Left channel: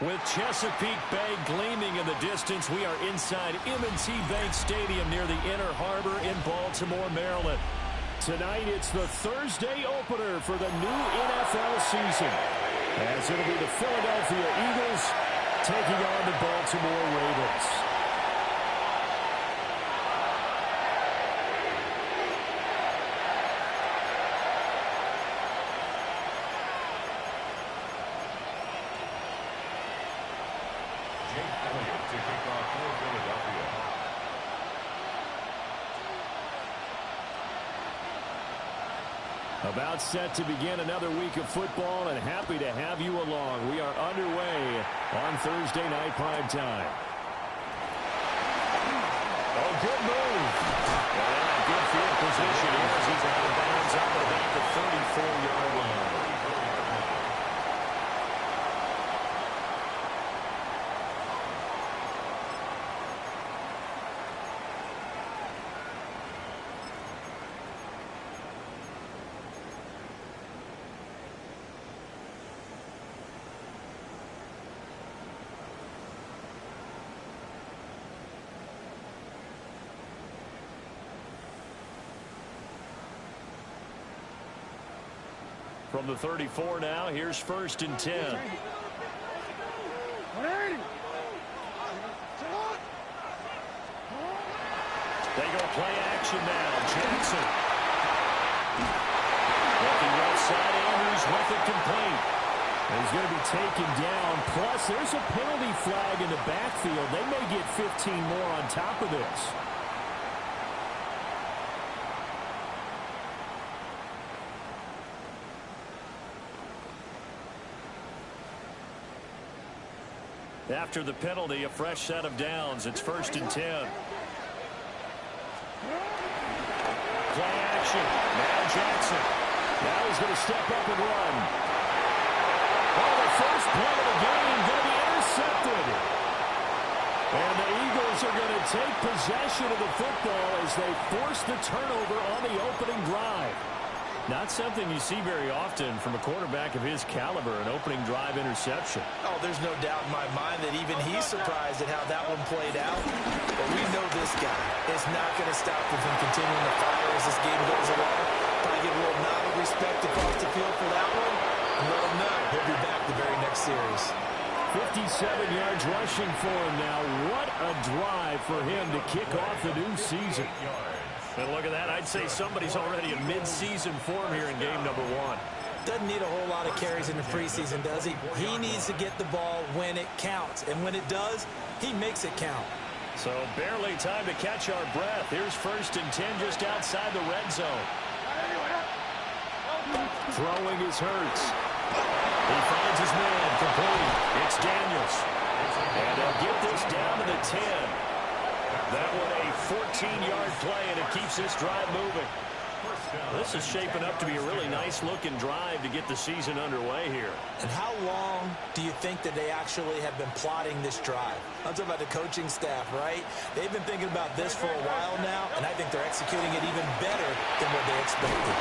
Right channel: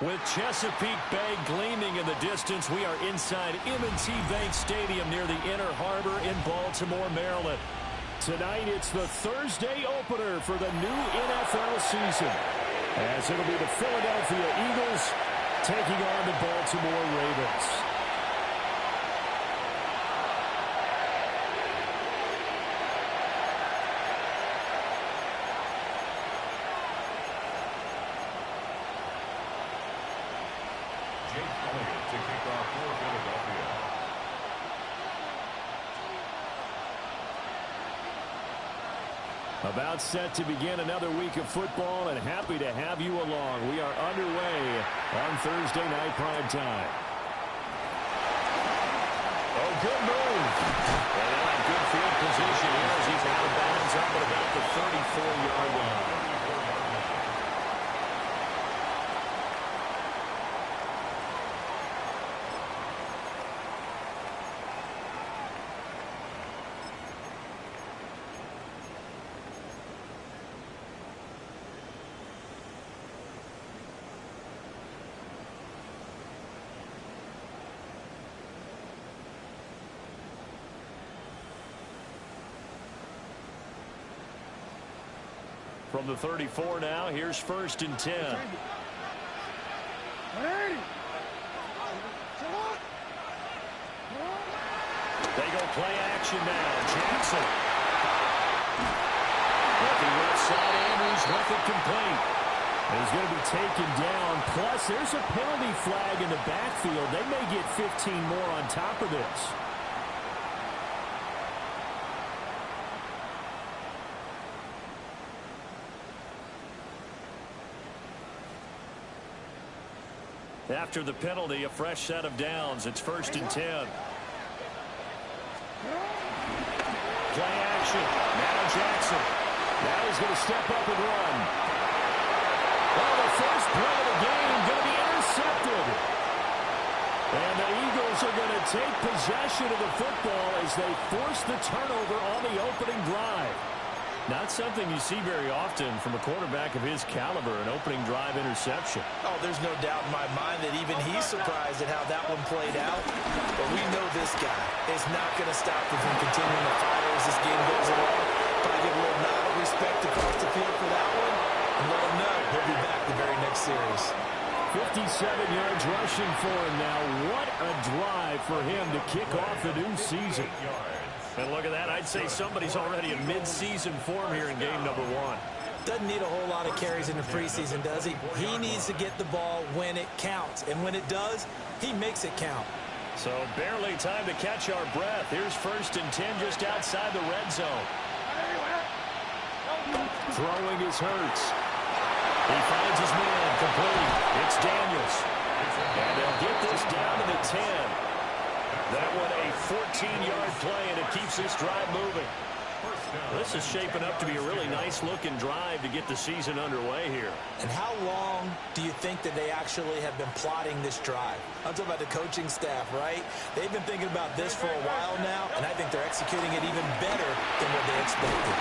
With Chesapeake Bay gleaming in the distance, we are inside M&T Bank Stadium near the Inner Harbor in Baltimore, Maryland. Tonight, it's the Thursday opener for the new NFL season, as it'll be the Philadelphia Eagles taking on the Baltimore Ravens. To kick off for Philadelphia. About set to begin another week of football, and happy to have you along. We are underway on Thursday night prime time. Oh, good move. And they'll have good field position here as he's out of bounds up at about the 34-yard line. From the 34 now, here's 1st and 10. They go play action now. Jackson. Looking left side, Andrews with it complete. He's going to be taken down. Plus, there's a penalty flag in the backfield. They may get 15 more on top of this. After the penalty, a fresh set of downs. It's 1st and 10. Play action. Now Jackson. Now he's going to step up and run. Oh, the first play of the game going to be intercepted. And the Eagles are going to take possession of the football as they force the turnover on the opening drive. Not something you see very often from a quarterback of his caliber, an opening drive interception. Oh, there's no doubt in my mind that even he's surprised at how that one played out. But we know this guy is not going to stop him from continuing to fire as this game goes along. Probably give a little nod of respect across the field for that one, and let him know he'll be back the very next series. 57 yards rushing for him now. What a drive for him to kick off the new season. And look at that. I'd say somebody's already in mid-season form here in game number 1. Doesn't need a whole lot of carries in the preseason, does he? He needs to get the ball when it counts. And when it does, he makes it count. So barely time to catch our breath. Here's 1st and 10 just outside the red zone. Throwing is Hurts. He finds his man complete. It's Daniels. And they'll get this down to the 10. That one a 14-yard play, and it keeps this drive moving. This is shaping up to be a really nice-looking drive to get the season underway here. And how long do you think that they actually have been plotting this drive? I'm talking about the coaching staff, right? They've been thinking about this for a while now, and I think they're executing it even better than what they expected.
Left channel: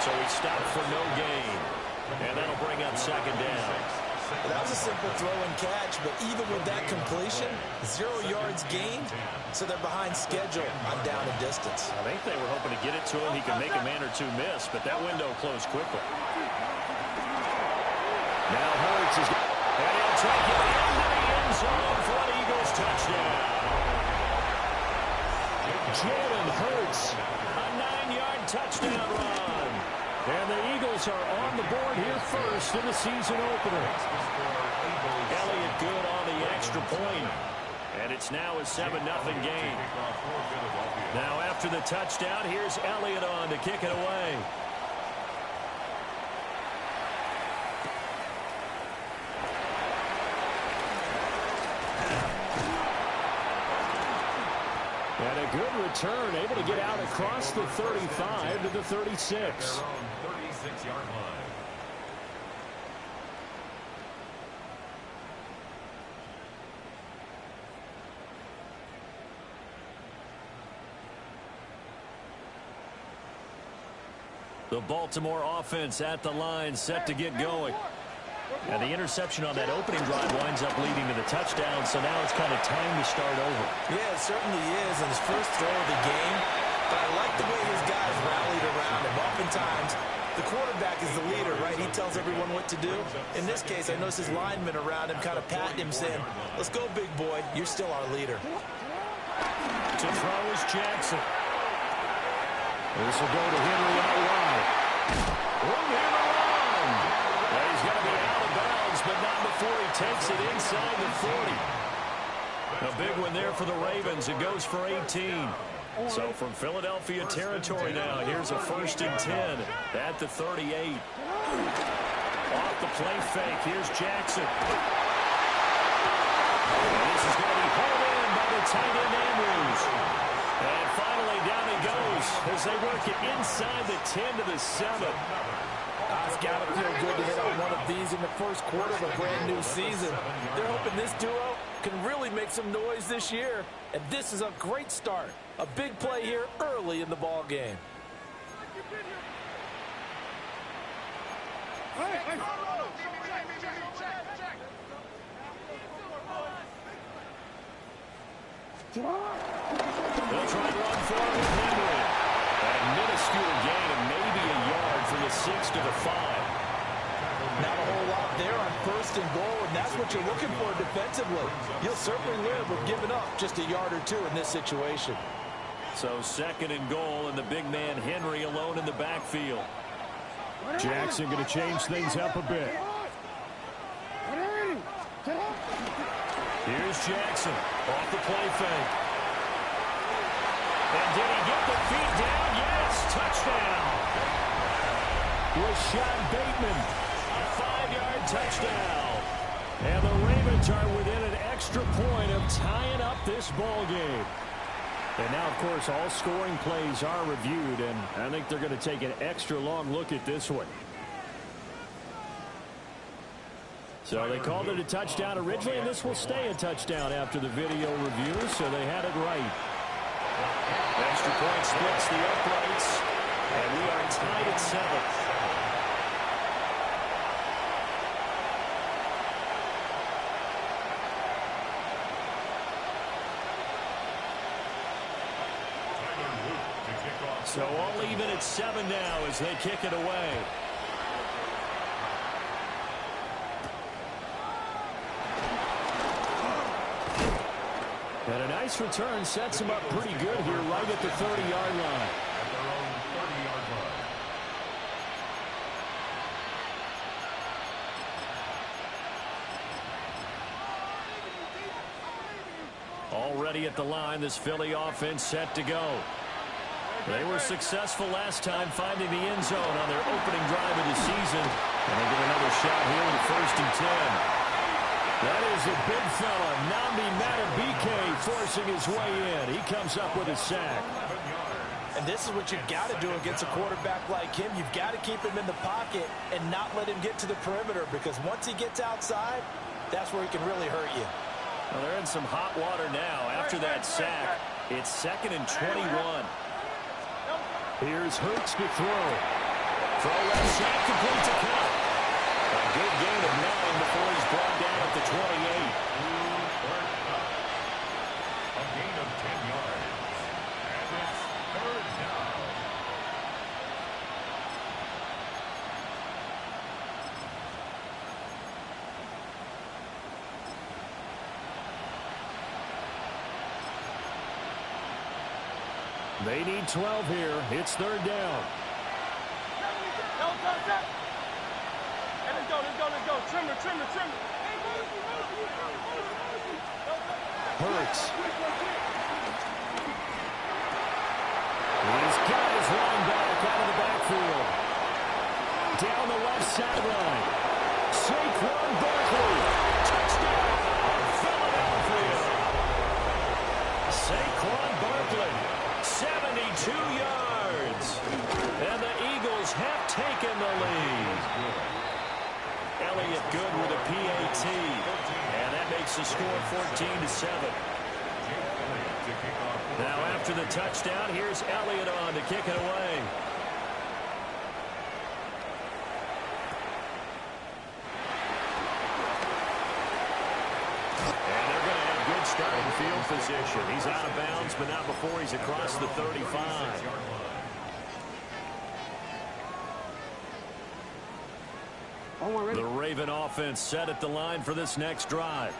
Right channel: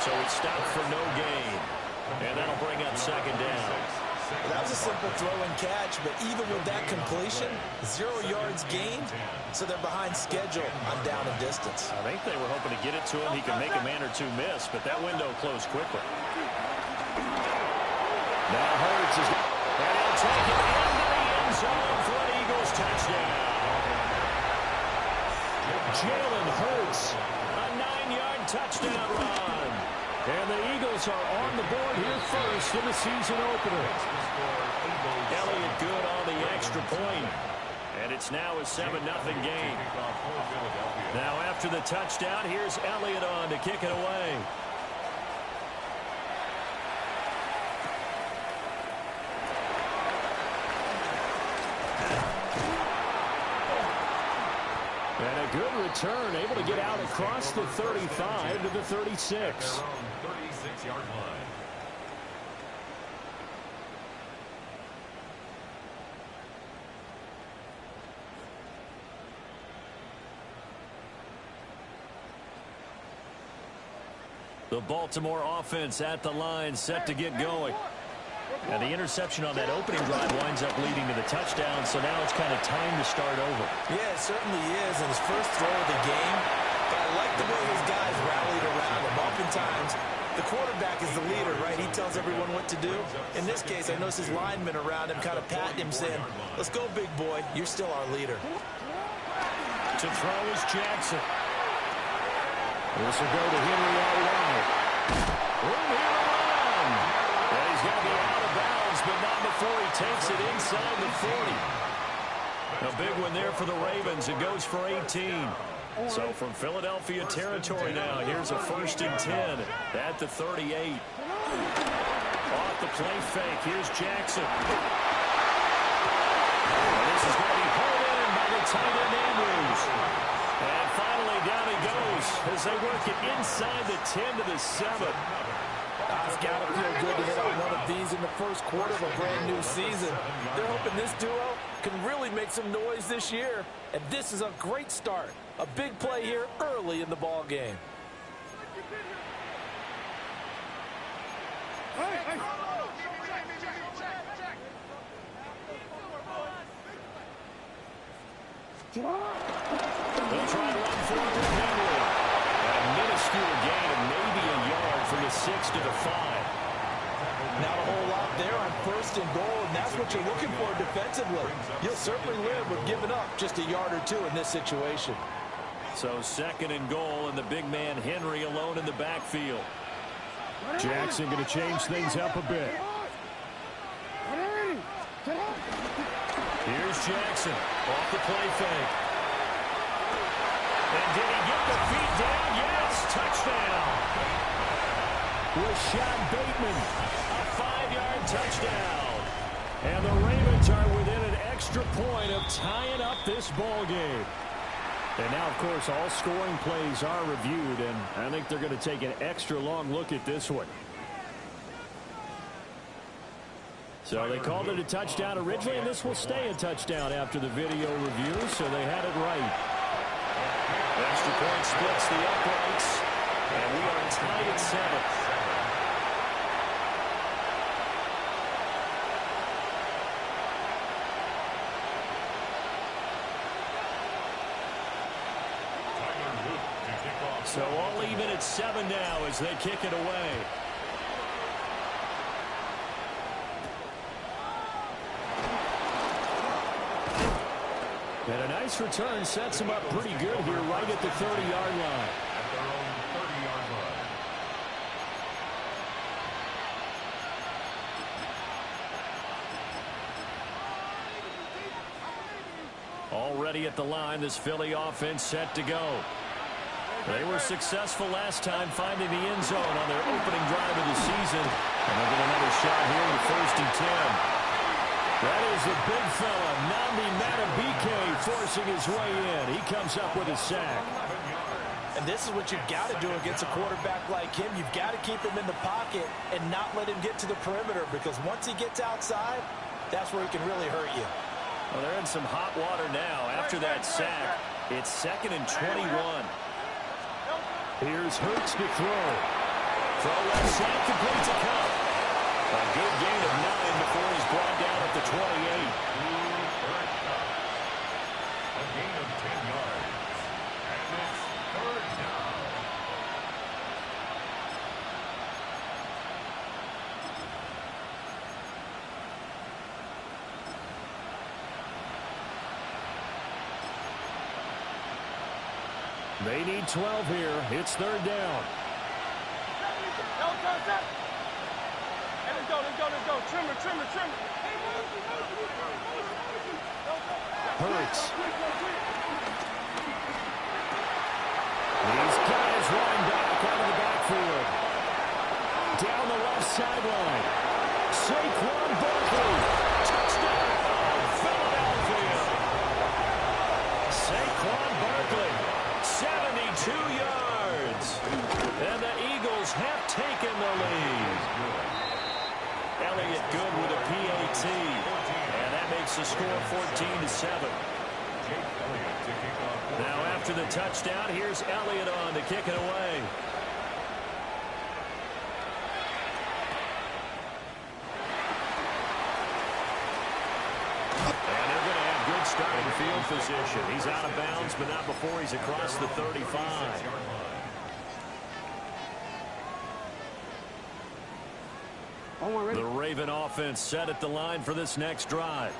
So he stopped for no gain, and that'll bring up 2nd down. Well, that was a simple throw and catch, but even with that completion, 0 yards gained, so they're behind schedule on down and distance. I think they were hoping to get it to him. He could make a man or two miss, but that window closed quickly. Now Hurts is, and he'll take it into the end zone for an Eagles touchdown. Jalen Hurts, a 9-yard touchdown run. And the Eagles are on the board here first in the season opener. Elliott good on the extra point. And it's now a 7-0 game. Now after the touchdown, here's Elliott on to kick it away. And a good return, able to get out across the 35 to the 36. 36-yard line. The Baltimore offense at the line, set to get going. And the interception on that opening drive winds up leading to the touchdown, so now it's kind of time to start over. Yeah, it certainly is in his first throw of the game, but I like the way his guys rallied around him. Oftentimes, the quarterback is the leader, right? He tells everyone what to do. In this case, I noticed his linemen around him kind of patting him, saying, let's go, big boy. You're still our leader. To throw is Jackson. This will go to Henry out wide. Room here to run. And he's going to be out of bounds, but not before he takes it inside the 40. A big one there for the Ravens. It goes for 18. So from Philadelphia territory now, here's a 1st and 10 at the 38. Off the play fake, here's Jackson. And this is going to be hauled in by the tight end Andrews. And finally down he goes as they work it inside the 10 to the 7. It's got to feel good to hit on one of these in the first quarter of a brand new season. They're hoping this duo can really make some noise this year. And this is a great start. A big play here early in the ball game. They'll try to run for it with Henry. And a minuscule gain of maybe a yard from the 6 to the 5. Not a whole lot there on 1st and goal, and that's what you're looking for defensively. You'll certainly live with giving up just a yard or two in this situation. So 2nd and goal, and the big man Henry alone in the backfield. Jackson going to change things up a bit. Here's Jackson off the play fake. And did he get the feet down? Yes, touchdown. Rashad Bateman, a 5-yard touchdown. And the Ravens are within an extra point of tying up this ball game. And now, of course, all scoring plays are reviewed, and I think they're going to take an extra long look at this one. So they called it a touchdown originally, and this will stay a touchdown after the video review, so they had it right. Extra point splits the uprights, and we are tied at 7. So all even at 7 now as they kick it away. And a nice return sets him up pretty good here right at the 30-yard line. At their own 30-yard line. Already at the line, this Philly offense set to go. They were successful last time finding the end zone on their opening drive of the season. And they'll get another shot here with a 1st and 10. That is a big fella, Nnamdi Madubuike, forcing his way in. He comes up with a sack. And this is what you've got to do against a quarterback like him. You've got to keep him in the pocket and not let him get to the perimeter, because once he gets outside, that's where he can really hurt you. Well, they're in some hot water now after that sack. It's 2nd and 21. Here's Hurts to throw. Throw left side, complete to Cup. A good gain of 9 before he's brought down at the 28. A gain of 10 yards. And it's 3rd down. They need 12 here. It's 3rd down. Let's go. Trimmer. Hurts. He's got his line back out of the backfield. Down the left sideline. Saquon Barkley. Touchdown, Philadelphia. Saquon Barkley. 72 yards. And the Eagles have taken the lead. Elliott good with a PAT. And that makes the score 14-7. Now after the touchdown, here's Elliott on to kick it away. starting field position. He's out of bounds, but not before he's across the 35. The Raven offense set at the line for this next drive.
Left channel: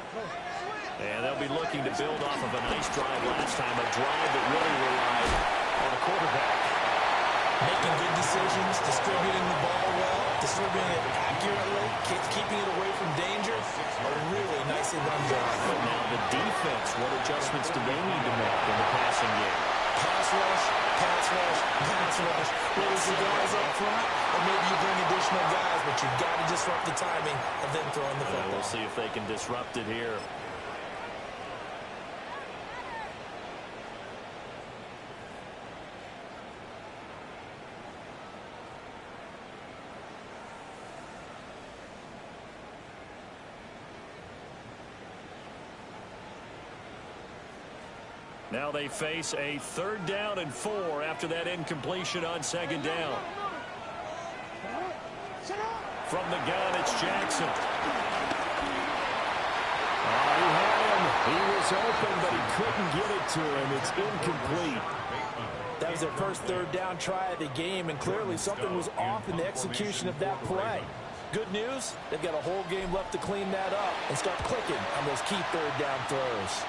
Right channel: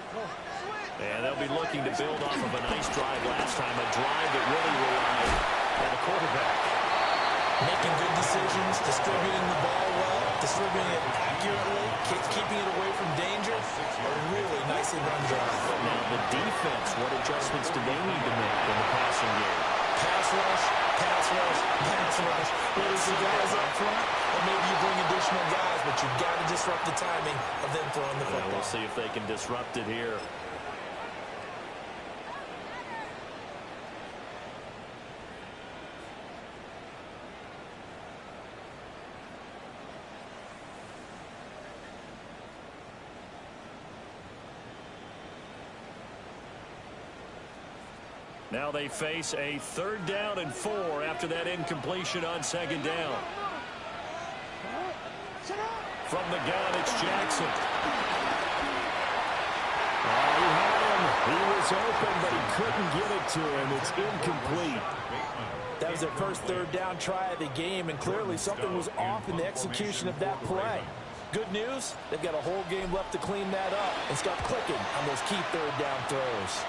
And they'll be looking to build off of a nice drive last time, a drive that really relied on the quarterback. Making good decisions, distributing the ball well, distributing it accurately, keeping it away from danger. A really nicely run drive. But now the defense, what adjustments do they need to make in the passing game? Pass rush, pass rush, pass rush. Whether it's the guys up front or maybe you bring additional guys, but you've got to disrupt the timing of them throwing the football. We'll see if they can disrupt it here. Now they face a 3rd down and 4 after that incompletion on 2nd down. From the gun, it's Jackson. Oh, he had him. He was open, but he couldn't get it to him. It's incomplete. That was their first 3rd down try of the game, and clearly something was off in the execution of that play. Good news, they've got a whole game left to clean that up and start clicking on those key 3rd down throws.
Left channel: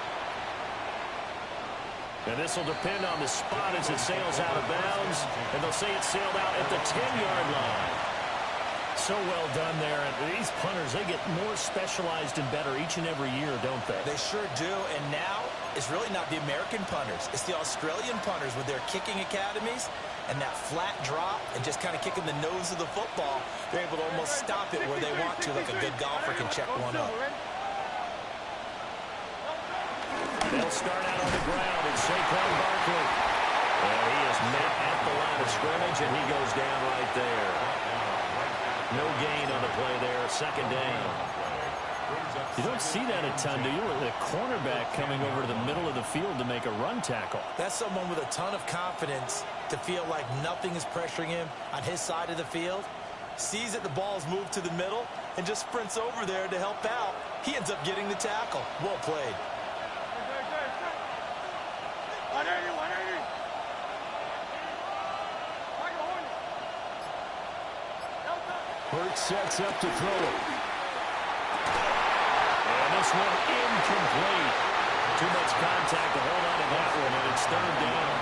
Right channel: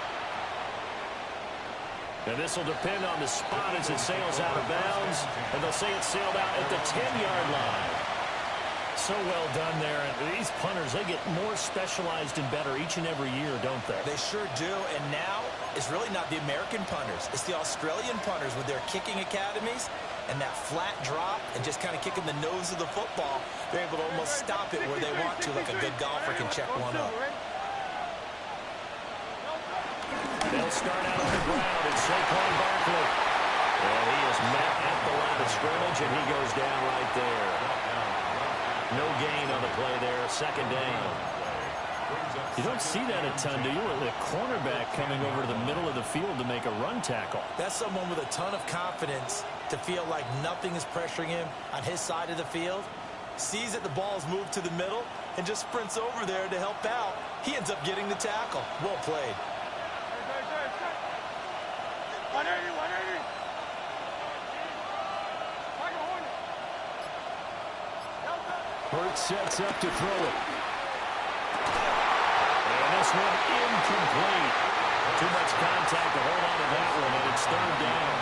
And this will depend on the spot as it sails out of bounds. And they'll say it sailed out at the 10-yard line. So well done there. And these punters, they get more specialized and better each and every year, don't they? They sure do. And now it's really not the American punters. It's the Australian punters with their kicking academies and that flat drop and just kind of kicking the nose of the football. They're able to almost stop it where they want to, like a good golfer can check one up. They'll start out on the ground. It's Saquon Barkley. And he is met at the line of scrimmage, and he goes down right there. No gain on the play there. 2nd down. You don't see that a ton, do you? The cornerback coming over to the middle of the field to make a run tackle. That's someone with a ton of confidence to feel like nothing is pressuring him on his side of the field. Sees that the ball's moved to the middle and just sprints over there to help out. He ends up getting the tackle. Well played. 180, 180. Hurts sets up to throw it. And this one incomplete. Too much contact to hold on to that one, and it's 3rd down.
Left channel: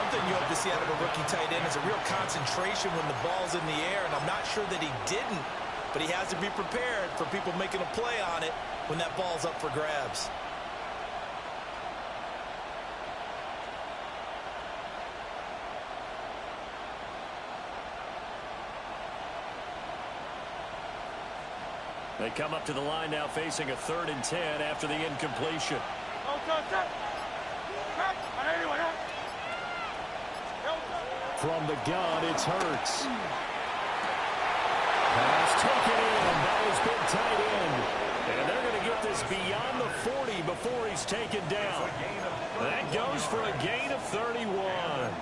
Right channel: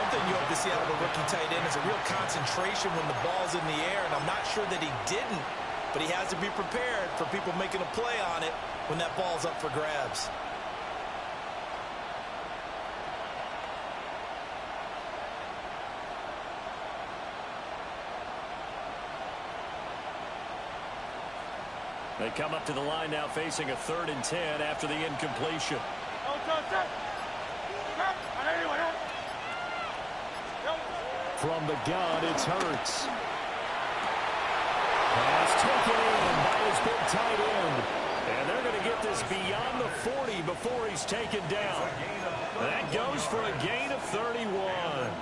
One thing you hope to see out of a rookie tight end is a real concentration when the ball's in the air, and I'm not sure that he didn't, but he has to be prepared for people making a play on it when that ball's up for grabs. They come up to the line now facing a 3rd and 10 after the incompletion. From the gun, it's Hurts. Pass taken in by his big tight end. And they're going to get this beyond the 40 before he's taken down. That goes for a gain of 31.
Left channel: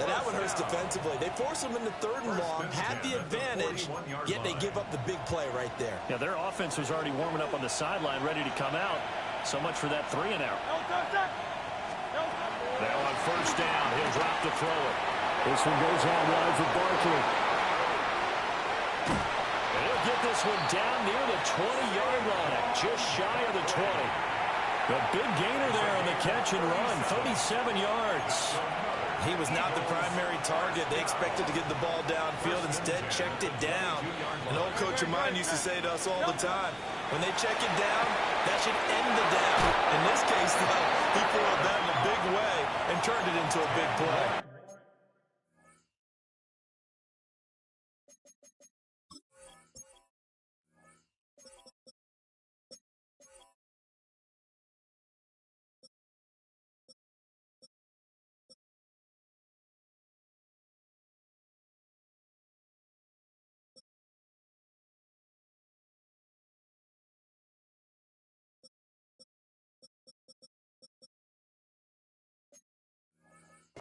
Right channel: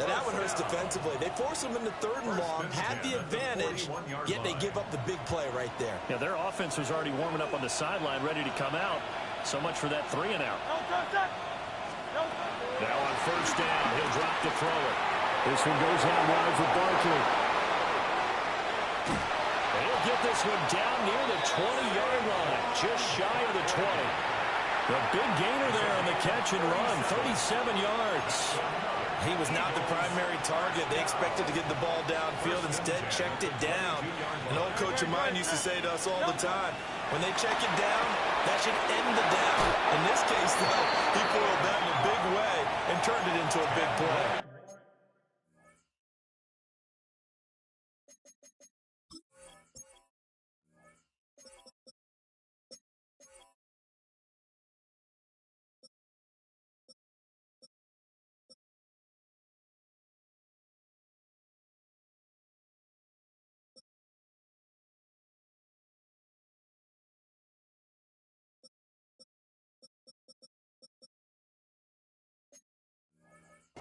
Now that one hurts defensively. They force him into 3rd and long, had the advantage, yet they give up the big play right there. Yeah, their offense was already warming up on the sideline, ready to come out. So much for that 3 and out. Now on 1st down, he'll drop to throw it. This one goes out wide for Barkley. And he'll get this one down near the 20-yard line, just shy of the 20. The big gainer there on the catch and run, 37 yards. He was not the primary target. They expected to get the ball downfield. Instead, checked it down. An old coach of mine used to say to us all the time, when they check it down, that should end the down. In this case, though, he foiled that in a big way and turned it into a big play.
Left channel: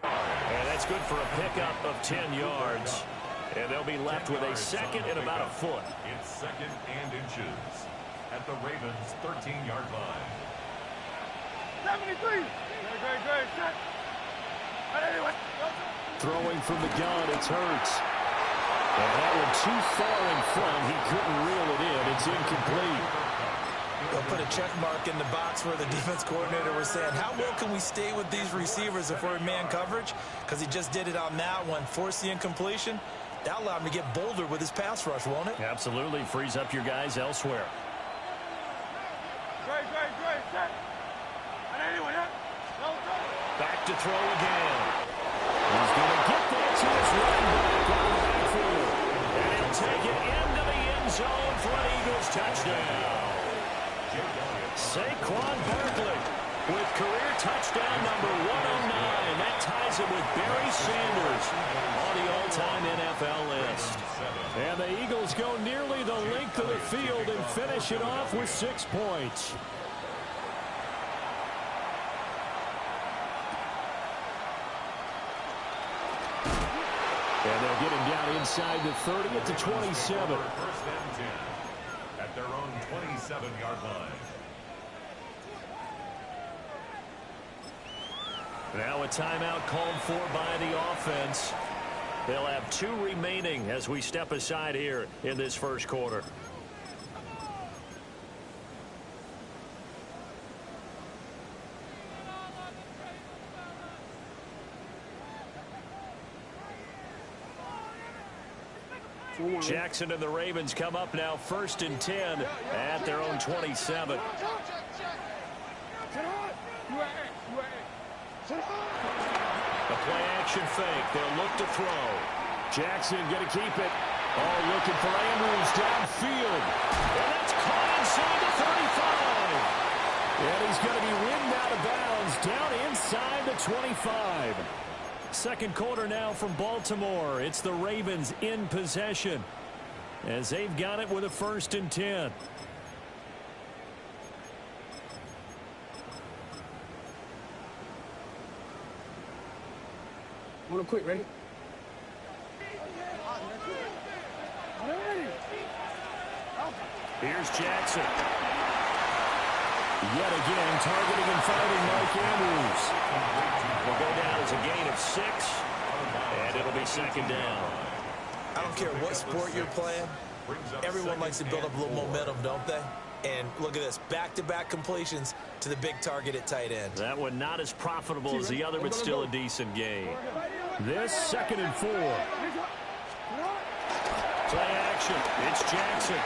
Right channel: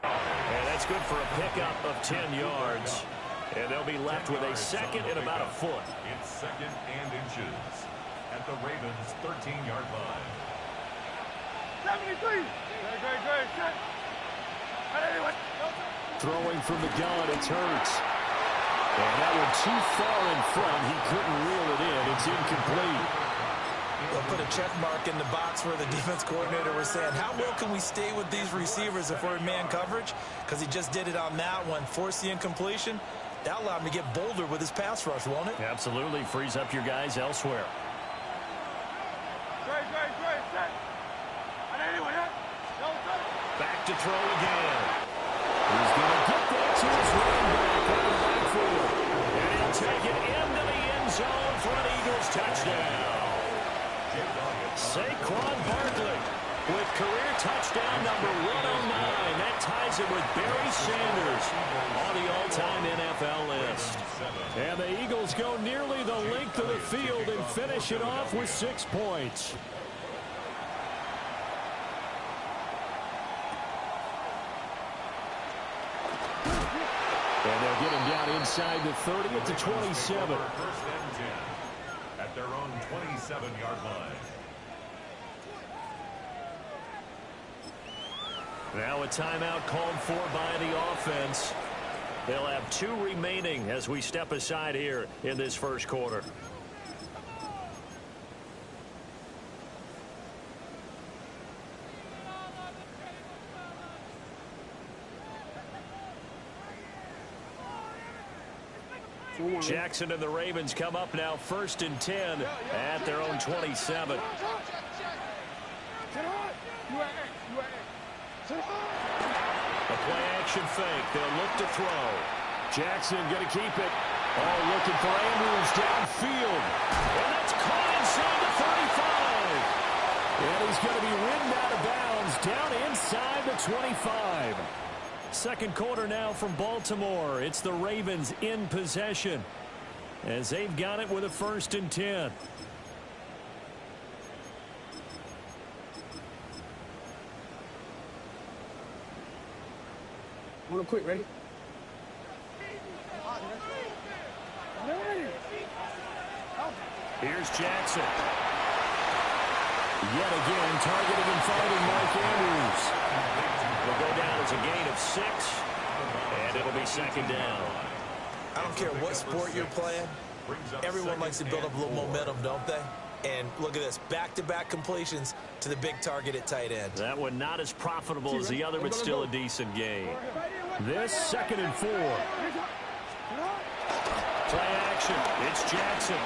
And that's good for a pickup of 10 yards. And they'll be left with a 2nd and about a foot. It's 2nd and inches. at the Ravens' 13-yard line. 73. Great. Set. Throwing from the gun, it's Hurts. And that one too far in front. He couldn't reel it in. It's incomplete. They'll put a check mark in the box where the defense coordinator was saying, how well can we stay with these receivers if we're in man coverage? Because he just did it on that one, forced the incompletion. That allowed him to get bolder with his pass rush, won't it? Absolutely. Frees up your guys elsewhere. Great. Set. Back to throw again. He's going to get that to his running back out of the backfield. And he'll take it into the end zone for an Eagles touchdown. Saquon Barkley with career touchdown number 109. That ties it with Barry Sanders on the all-time NFL list. And the Eagles go nearly the length of the field and finish it off with 6 points. And they'll get him down inside the 30 at the 27. First and 10 at their own 27-yard line. Now a timeout called for by the offense. They'll have 2 remaining as we step aside here in this first quarter. Jackson and the Ravens come up now first and 10 at their own 27. A play action fake. They'll look to throw. Jackson going to keep it. Oh, looking for Andrews downfield. And that's caught inside the 35. And he's going to be ridden out of bounds down inside the 25. Second quarter now from Baltimore. It's the Ravens in possession as they've got it with a first and 10. Want to quit, ready? Here's Jackson. Yet again, targeting and finding Mike Andrews. Will go down as a gain of 6, and it'll be second down. I don't care what sport you're playing. Everyone likes to build up a little momentum, don't they? And look at this, back-to-back completions to the big target at tight end. That one not as profitable as the other, but still a decent gain. This second and 4. Play action. It's Jackson.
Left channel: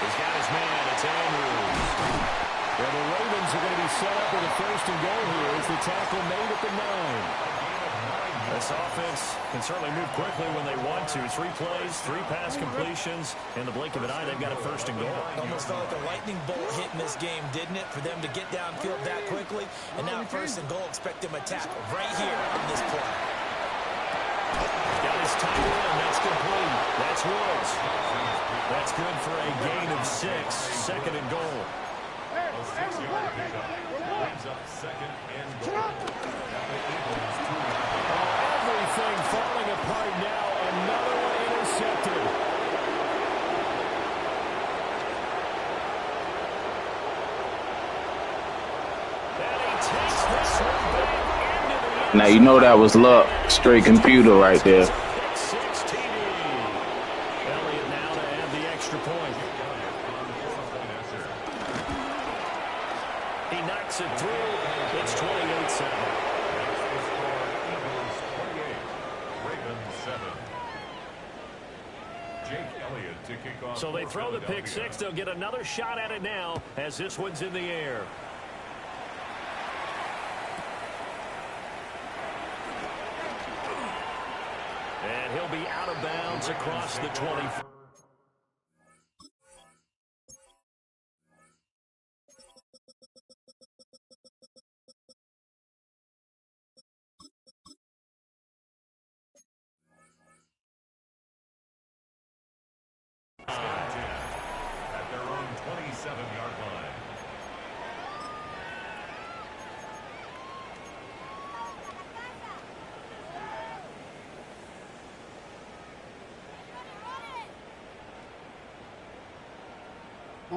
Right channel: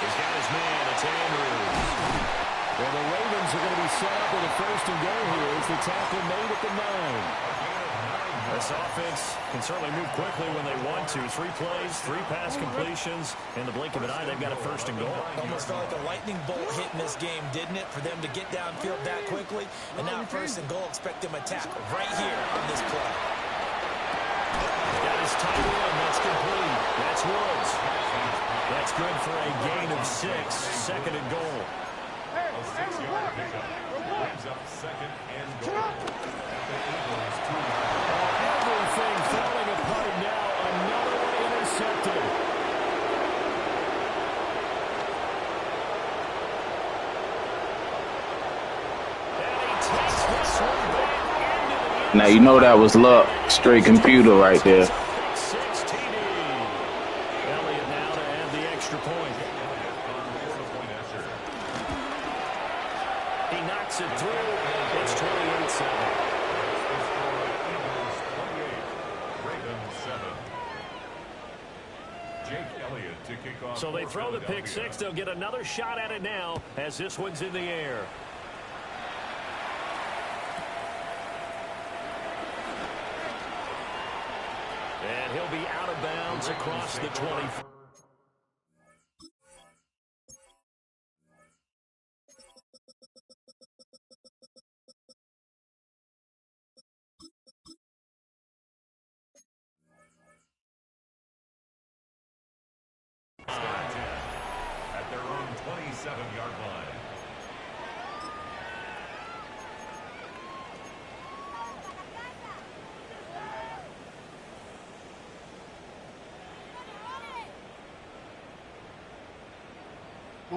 He's got his man. It's Andrews. And the Ravens are going to be set up with a first and goal here as the tackle made at the 9. This offense can certainly move quickly when they want to. 3 plays, 3 pass completions. In the blink of an eye, they've got a first and goal. Almost felt like a lightning bolt hit in this game, didn't it? For them to get downfield that quickly. And now first and goal, expect them to tackle right here on this play. Got his tight end. That's complete. That's Woods. That's good for a gain of 6. Second and goal. A 6-yard pickup brings up second and goal at the Eagles' 2-yard line. Oh, everything falling apart now. Another one intercepted. And he takes this one back into the end. Now you know that was luck. Straight computer right there. Pick 6 TD. Elliott now to add the extra point. He knocks it through. It's 28-7. That's the score. Eagles 28, Ravens 7. Jake Elliott to kick off. So they for throw the pick Philadelphia. 6. They'll get another shot at it now as this one's in the air. And he'll be out of bounds across the 20. At their own 27-yard line.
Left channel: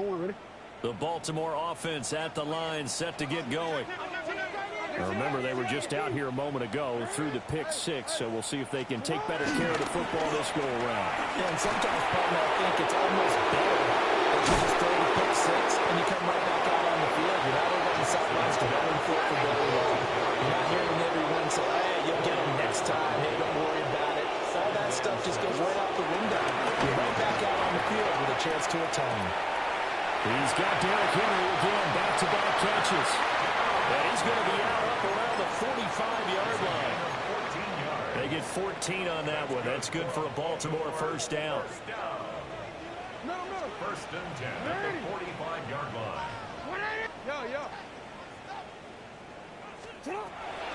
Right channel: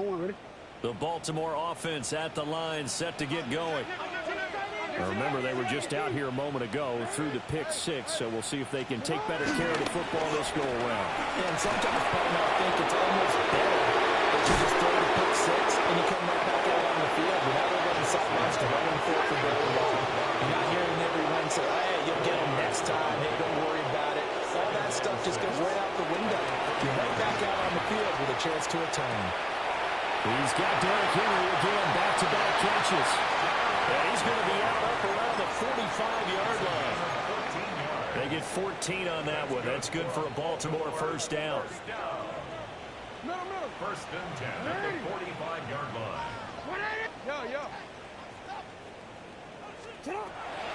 ready? The Baltimore offense at the line, set to get going. Now remember, they were just out here a moment ago through the pick six, so we'll see if they can take better care of the football this go-around. Yeah, and sometimes, partner, I think it's almost better that you just throw the pick six and you come right back out on the field. You're not over on the sidelines to running for very long. You're not hearing everyone say, hey, you'll get them next time. Hey, don't worry about it. All that stuff just goes right out the window. You're right back out on the field with a chance to atone. He's got Derrick Henry again, back-to-back catches. And he's going to be out up around the 45-yard line. They get 14 on that one. That's good for a Baltimore first down. First and 10 at the 45-yard line.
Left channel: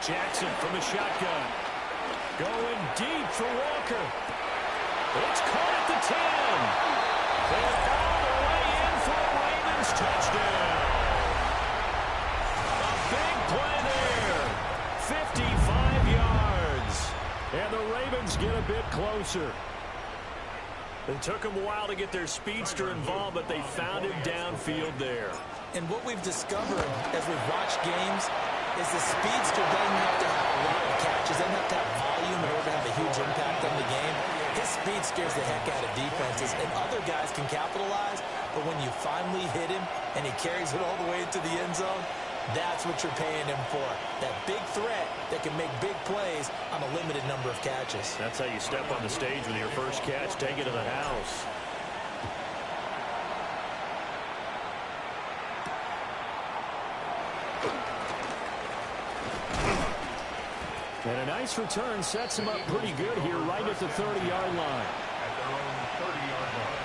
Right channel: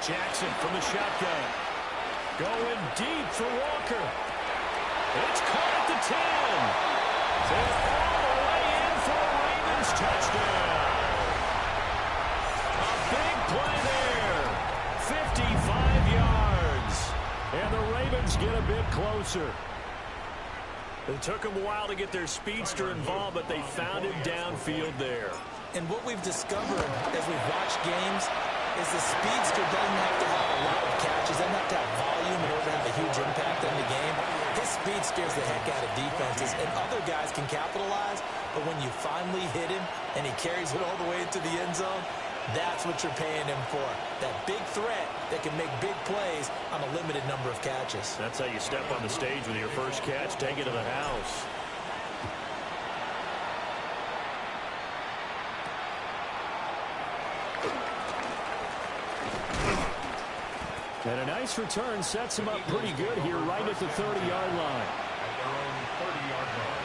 Jackson from the shotgun. Going deep for Walker. It's caught at the 10. And all the way in for a Ravens touchdown. A big play there. 55 yards. And the Ravens get a bit closer. It took them a while to get their speedster involved, but they found him downfield there. And what we've discovered as we've watched games is the speedster doesn't have to have a lot of catches, doesn't have to have volume in order to have a huge impact on the game. His speed scares the heck out of defenses, and other guys can capitalize, but when you finally hit him and he carries it all the way into the end zone, that's what you're paying him for. That big threat that can make big plays on a limited number of catches. That's how you step on the stage with your first catch. Take it to the house. And a nice return sets him up pretty good here right at the 30-yard line. At their own 30-yard line.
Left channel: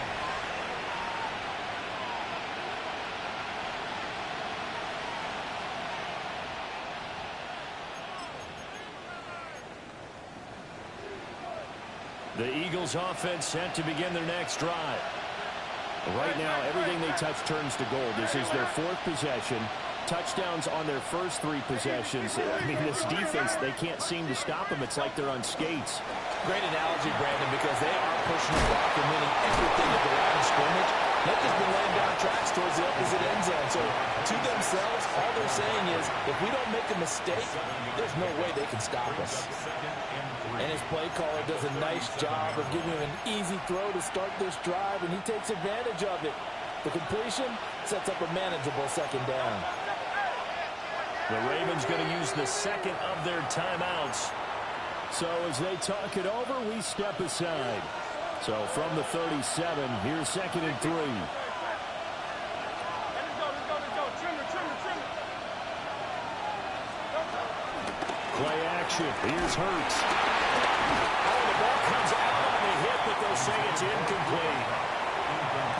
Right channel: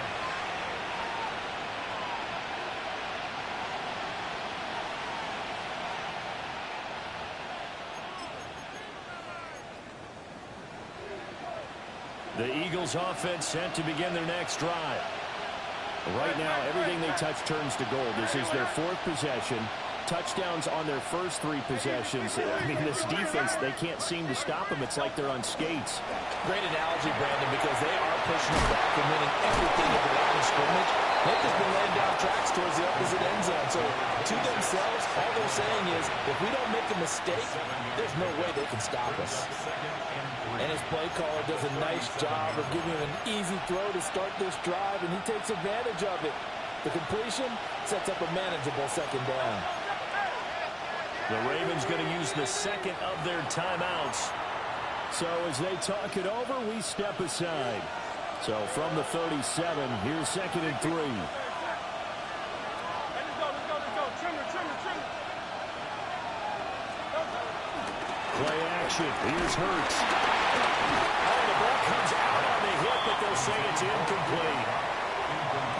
The Eagles offense set to begin their next drive. Right now, everything they touch turns to gold. This is their fourth possession. Touchdowns on their first three possessions. I mean, this defense, they can't seem to stop them. It's like they're on skates. Great analogy, Brandon, because they are pushing them back and winning everything at the line of scrimmage. They've just been laying down tracks towards the opposite end zone. So to themselves, all they're saying is, if we don't make a mistake, there's no way they can stop us. And his play caller does a nice job of giving him an easy throw to start this drive, and he takes advantage of it. The completion sets up a manageable second down. The Ravens going to use the second of their timeouts. So as they talk it over, we step aside. So from the 37, here's second and 3. Let's go. Trim it. Play action. Here's Hurts. Oh, the ball comes out on the hit, but they'll say it's incomplete.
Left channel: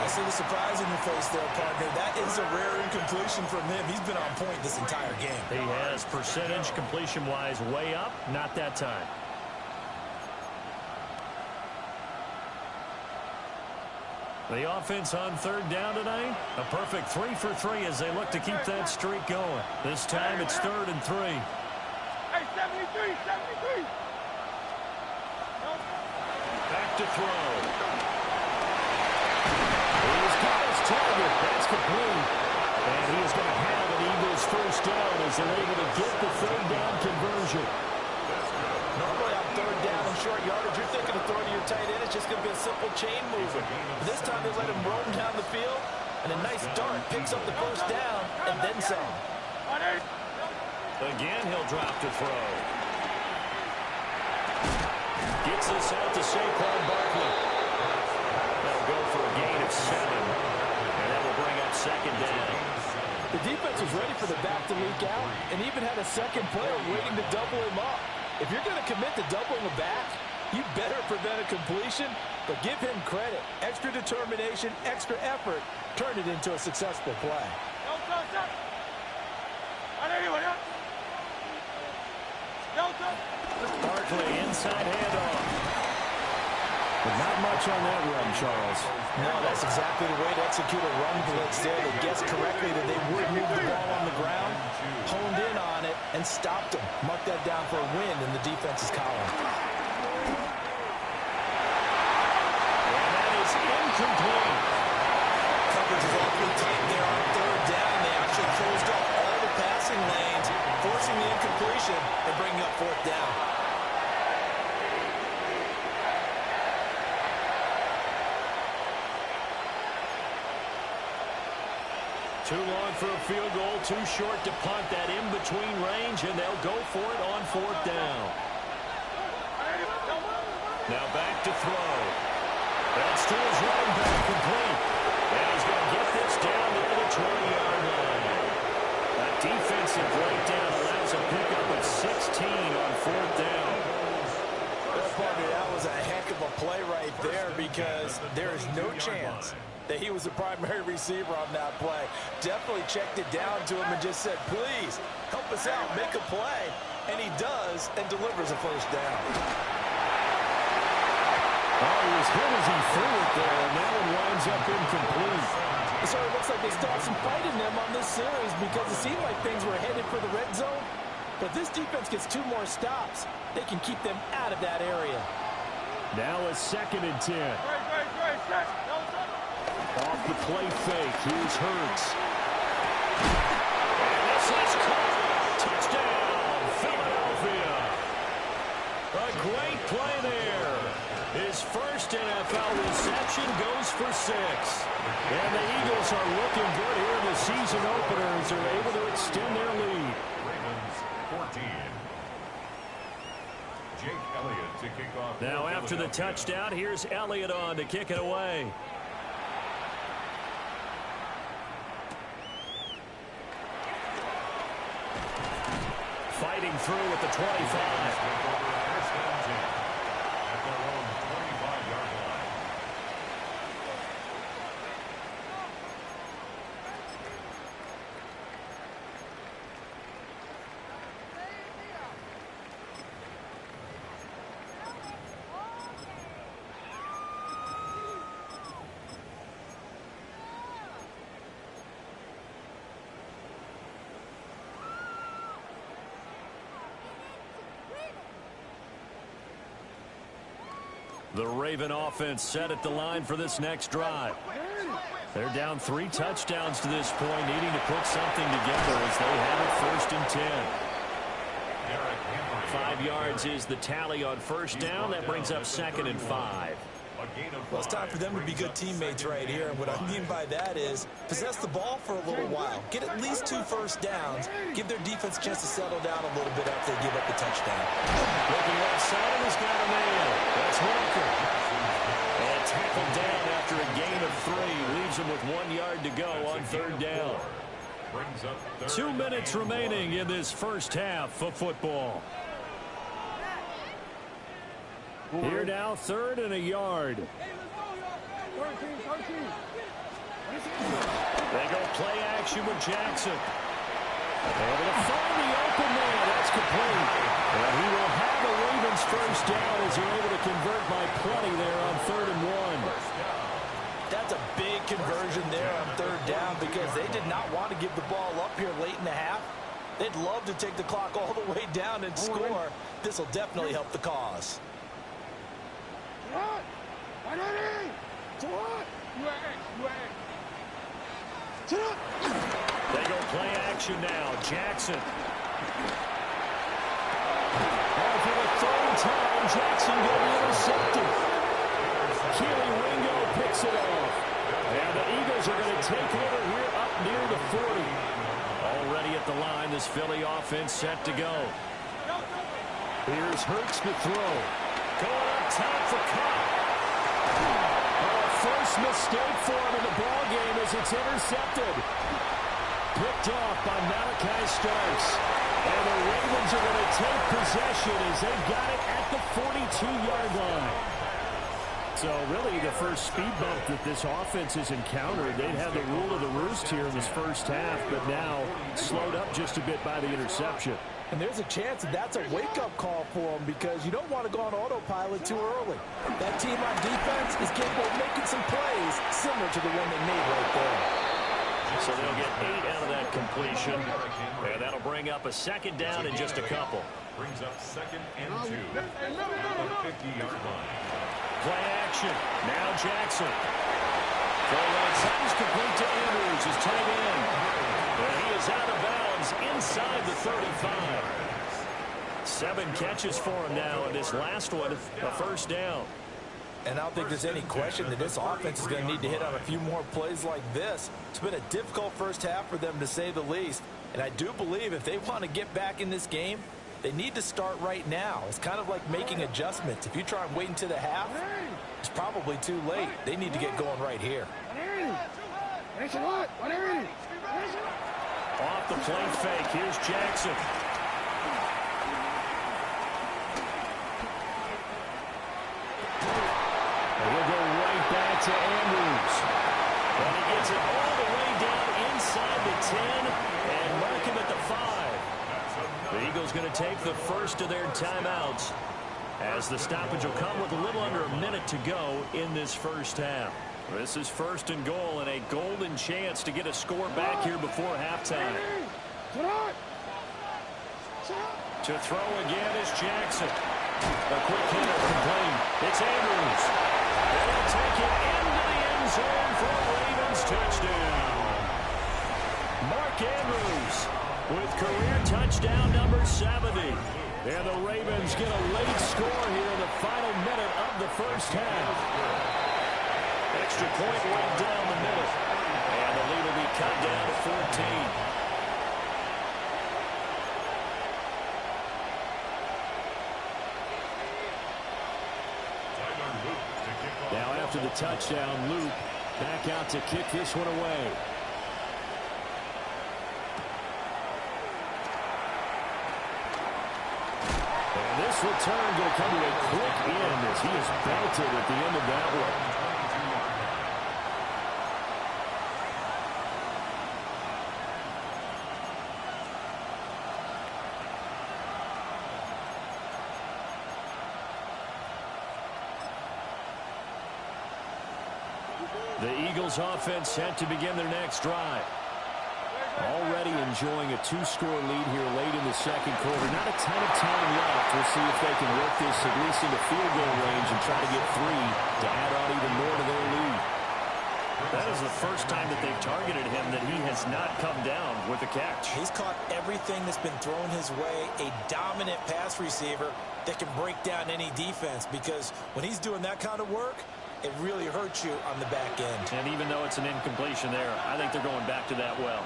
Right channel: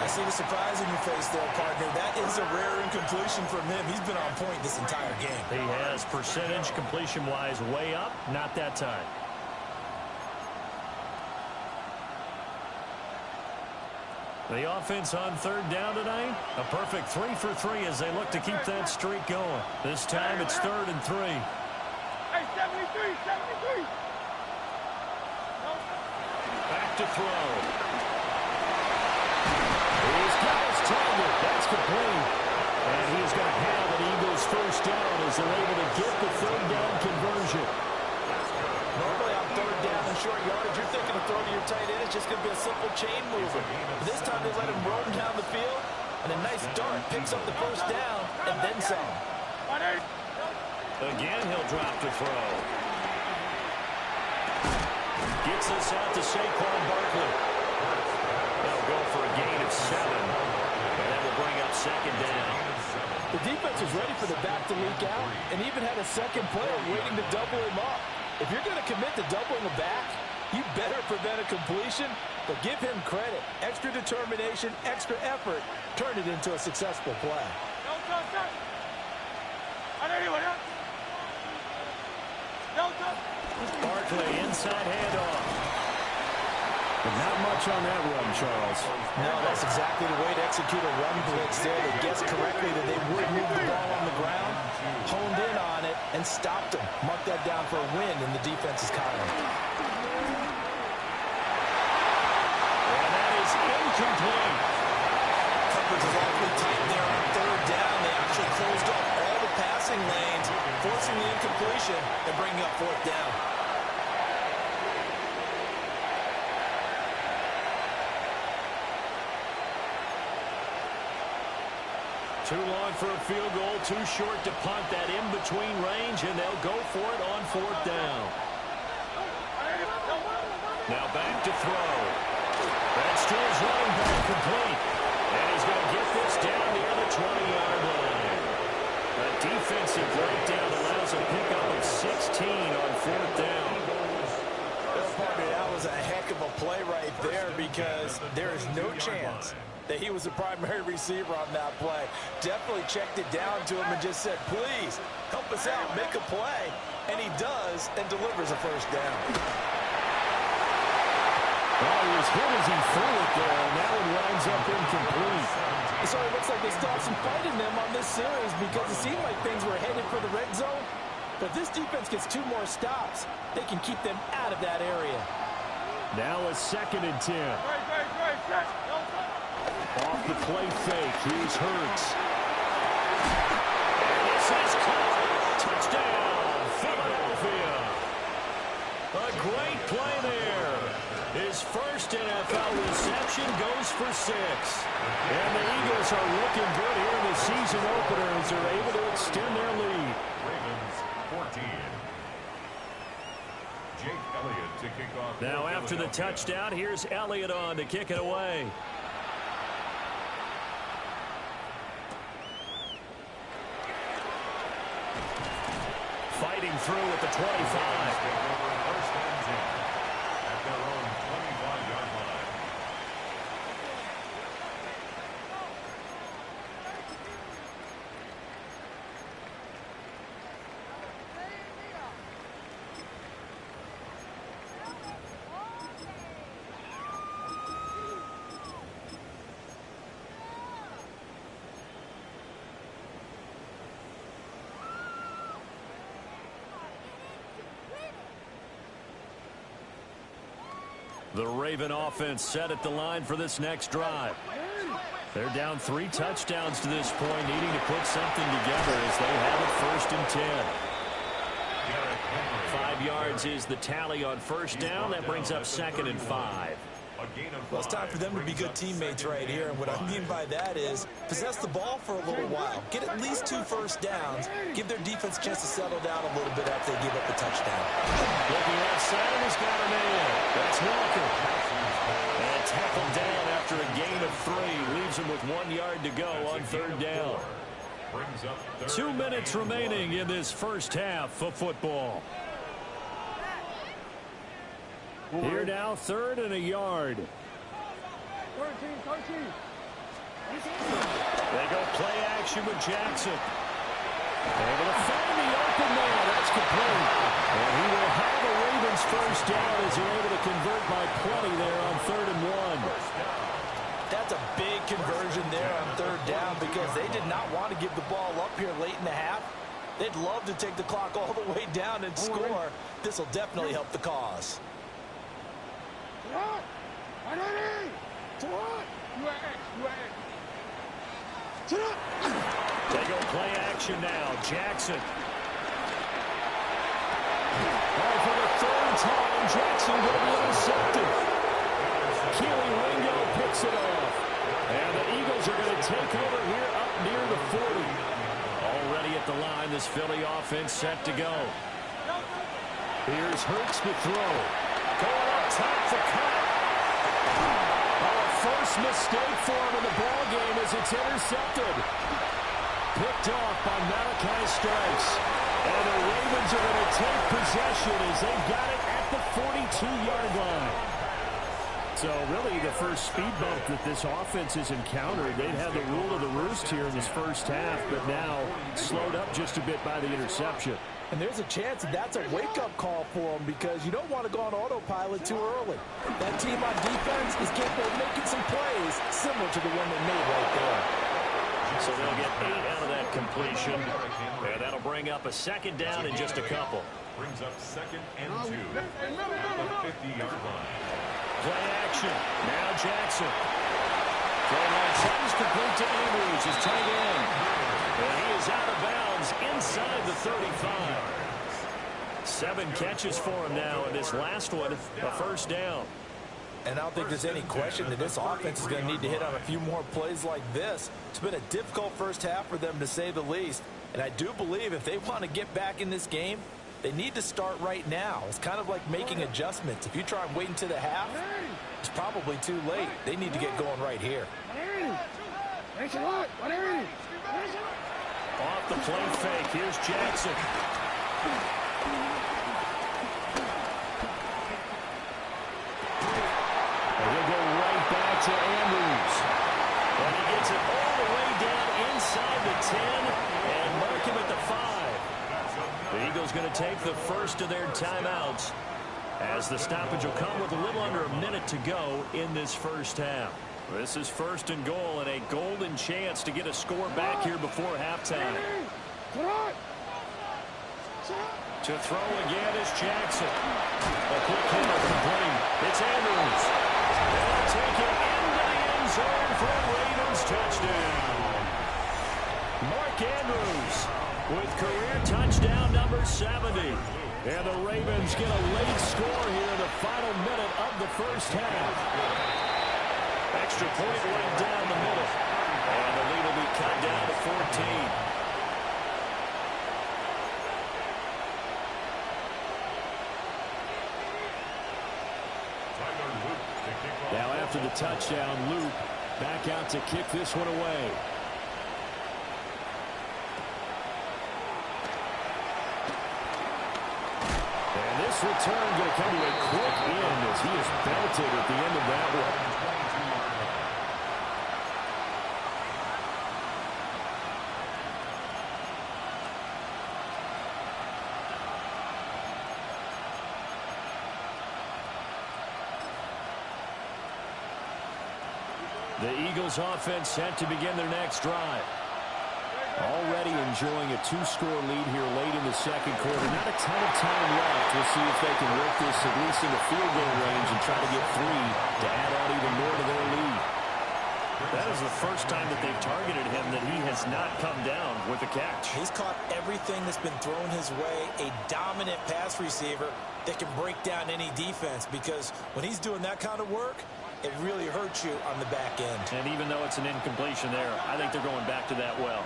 I see the surprise in your face there, partner. That is a rare incompletion from him. He's been on point this entire game. He has percentage completion-wise way up. Not that time. The offense on third down tonight. A perfect 3 for 3 as they look to keep that streak going. This time it's 3rd and 3. Hey, 73. Back to throw. He's got his target. That's complete. And he is going to have an Eagles first down as they're able to get the third down conversion. Normally on third down and short yardage, you're thinking of throwing to your tight end. It's just going to be a simple chain mover. But this time they let him roam down the field, and a nice dart picks up the first down and then some. Again, he'll drop to throw. Gets this out to Saquon Barkley. They'll go for a gain of 7, and that will bring up second down. The defense was ready for the back to leak out and even had a second player waiting to double him up. If you're going to commit to doubling a back, you better prevent a completion, but give him credit. Extra determination, extra effort, turn it into a successful play. Barkley, inside handoff. But not much on that run, Charles. No, that's exactly the way to execute a run blitz there. They guessed correctly that they would move the ball on the ground, honed in on it, and stopped them. Mark that down for a win in the defense's column. And that is incomplete. coverage was awfully tight there on third down. They actually closed off all the passing lanes, forcing the incompletion and bringing up fourth down. Too long for a field goal, too short to punt that in-between range, and they'll go for it on fourth down. Now back to throw. That's to his running back, complete. And he's going to get this down near the 20-yard line. A defensive breakdown allows a pickup of 16 on fourth down. Well, partner, that was a heck of a play right there because there is no chance that he was the primary receiver on that play. Definitely checked it down to him and just said, please, help us out, make a play. And he does and delivers a first down. Oh, he was hit as he threw it there, and that one winds up incomplete. So it looks like they still have some fight in them on this series because it seemed like things were headed for the red zone. But if this defense gets 2 more stops, they can keep them out of that area. Now a 2nd and 10. Off the play fake, here's Hurts. And this is caught. Touchdown, Philadelphia. A great play there. His first NFL reception goes for 6. And the Eagles are looking good here in the season opener as they're able to extend their lead. Ravens 14. Jake Elliott to kick off. Now after the touchdown, here's Elliott on to kick it away. Fighting through at the 25. Take over first and 10 at their own 25-yard line. The Raven offense set at the line for this next drive. They're down 3 touchdowns to this point, needing to put something together as they have it 1st and 10. 5 yards is the tally on first down. That brings up 2nd and 5. Well, it's time for them to be good teammates right here. And what I mean by that is possess the ball for a little while. Get at least 2 first downs. Give their defense a chance to settle down a little bit after they give up the touchdown. Looking left side, and he's got a man. That's Walker. And tackled down after a gain of 3. Leaves him with 1 yard to go on 3rd down. 2 minutes remaining in this first half of football. Here now, 3rd and a yard. They go play action with Jackson. Able to find the open man. That's complete. And he will have a Ravens first down as they're able to convert by plenty there on 3rd and 1. That's a big conversion there on 3rd down because they did not want to give the ball up here late in the half. They'd love to take the clock all the way down and score. This will definitely help the cause. They go play action now. Jackson. Oh, for the 3rd time, Jackson going to be intercepted. Keely Ringo picks it off. And the Eagles are going to take over here up near the 40. Already at the line, this Philly offense set to go. Here's Hurts to throw. Going up top for Cobb. Oh, first mistake for him in the ball game as it's intercepted. Picked off by Malachi Starks. And the Ravens are going to take possession as they've got it at the 42-yard line. So really the first speed bump that this offense has encountered. They'd had the rule of the roost here in this first half, but now slowed up just a bit by the interception. And there's a chance that that's a wake-up call for them because you don't want to go on autopilot too early. That team on defense is capable of making some plays similar to the one they made right there. So they'll get 8 out of that completion. And that'll bring up a 2nd down in just a couple. Brings up 2nd and 2 at the 50-yard line. Play action. Now Jackson. Throw right side is complete to Andrews, his tight end. And he is out of bounds inside the 35. 7 catches for him now, and this last one, a first down. And I don't think there's any question that this offense is going to need to hit on a few more plays like this. It's been a difficult first half for them, to say the least. And I do believe if they want to get back in this game, they need to start right now. It's kind of like making adjustments. If you try and wait until the half, it's probably too late. They need to get going right here. Off the play fake, here's Jackson. And he'll go right back to Andrews. And he gets it all the way down inside the 10 and mark him at the 5. The Eagles going to take the first of their timeouts, as the stoppage will come with a little under a minute to go in this first half. This is first and goal, and a golden chance to get a score back here before halftime. To throw again is Jackson. A quick hitter complete. It's Andrews. They'll take it into the end zone for a Ravens touchdown. Mark Andrews with career touchdown number 70. And the Ravens get a late score here in the final minute of the first half. Extra point right down the middle. And the lead will be cut down to 14. Now after the touchdown, Luke back out to kick this one away. And this return going to come to a quick end as he is belted at the end of that one. The Eagles offense set to begin their next drive. Already enjoying a 2-score lead here late in the second quarter. Not a ton of time left. We'll see if they can work this at least into field goal range and try to get 3 to add on even more to their lead. That is the first time that they've targeted him that he has not come down with a catch. He's caught everything that's been thrown his way. A dominant pass receiver that can break down any defense, because when he's doing that kind of work, it really hurts you on the back end. And even though it's an incompletion there, I think they're going back to that well.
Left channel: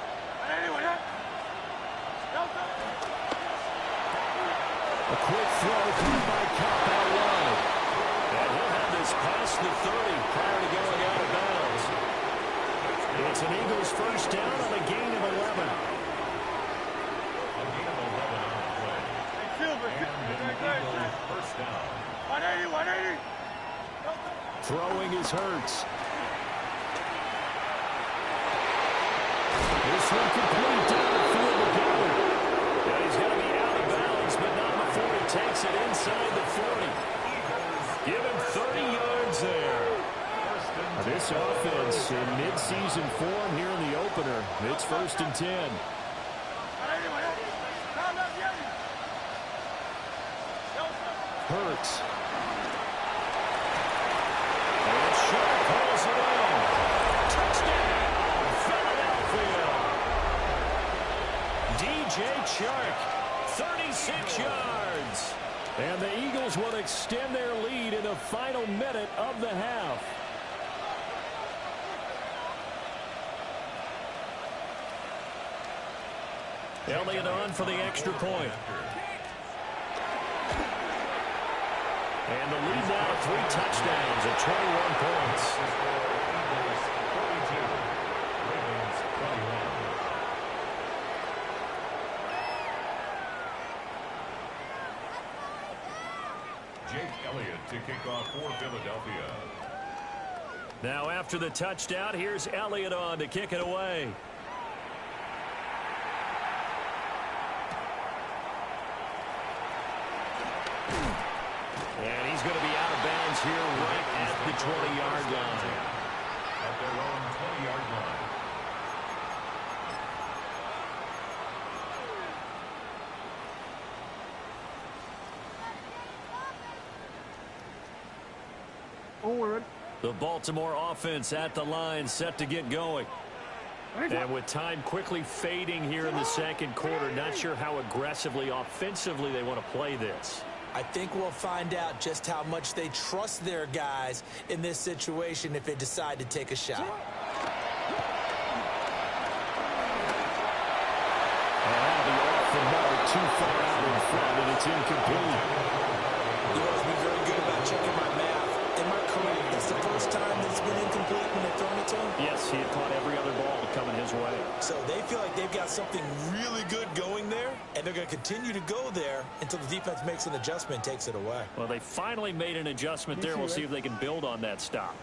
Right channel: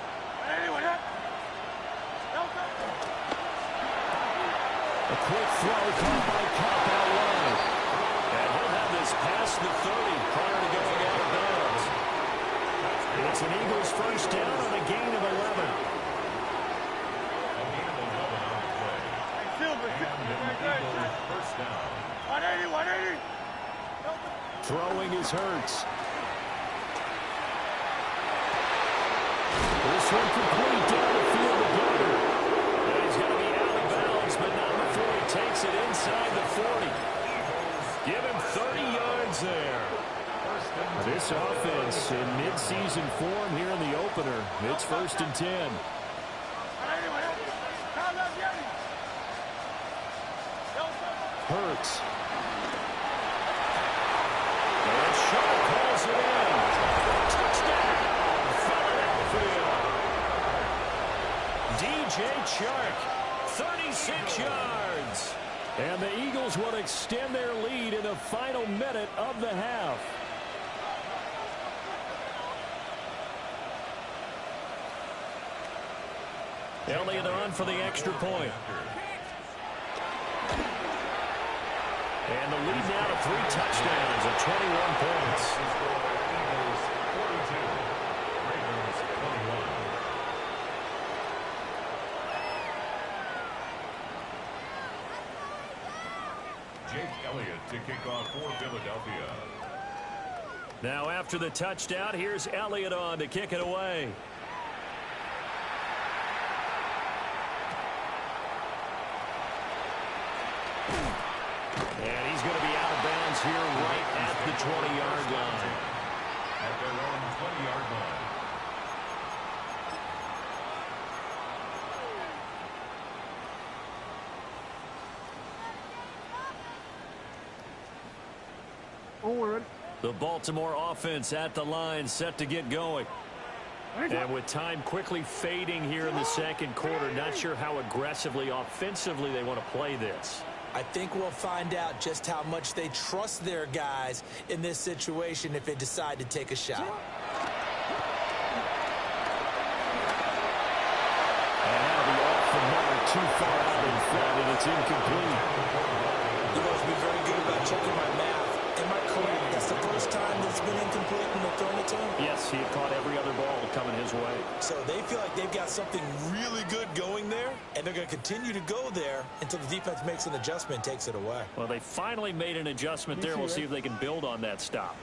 A quick throw caught by Cup out wide. And he'll have this past the 30 prior to going out of bounds. It's an Eagles first down on a gain of 11. A gain of 11 on the play. And an Eagles first down. 180. Throwing is Hurts. This one complete down the field to Goddard. And he's going to be out of bounds, but not before he takes it inside the 40. Give him 30 yards there. This offense in mid-season form here in the opener. It's 1st and 10. Hurts. And Sharp calls it in. Touchdown, Philadelphia. DJ Chark, 36 yards. And the Eagles will extend their lead in the final minute of the half. Elliott on for the extra point. And the lead now to 3 touchdowns and 21 points. Eagles 42, Ravens 21. Jake Elliott to kick off for Philadelphia. Now after the touchdown, here's Elliott on to kick it away. And he's going to be out of bounds here right at the 20-yard line. At their own 20-yard line. Onward. The Baltimore offense at the line, set to get going. And with time quickly fading here in the second quarter, not sure how aggressively, offensively they want to play this. I think we'll find out just how much they trust their guys in this situation if they decide to take a shot. And that'll be off the mark, too far out in front, and it's incomplete. You've always been very good about checking my math. Am I correct? That's the first time that's been incomplete when they've thrown it to him? Yes, he had caught every other ball coming his way. So they feel like they've got something really good going there, and they're going to continue to go there until the defense makes an adjustment and takes it away. Well, they finally made an adjustment there. We'll see if they can build on that stop.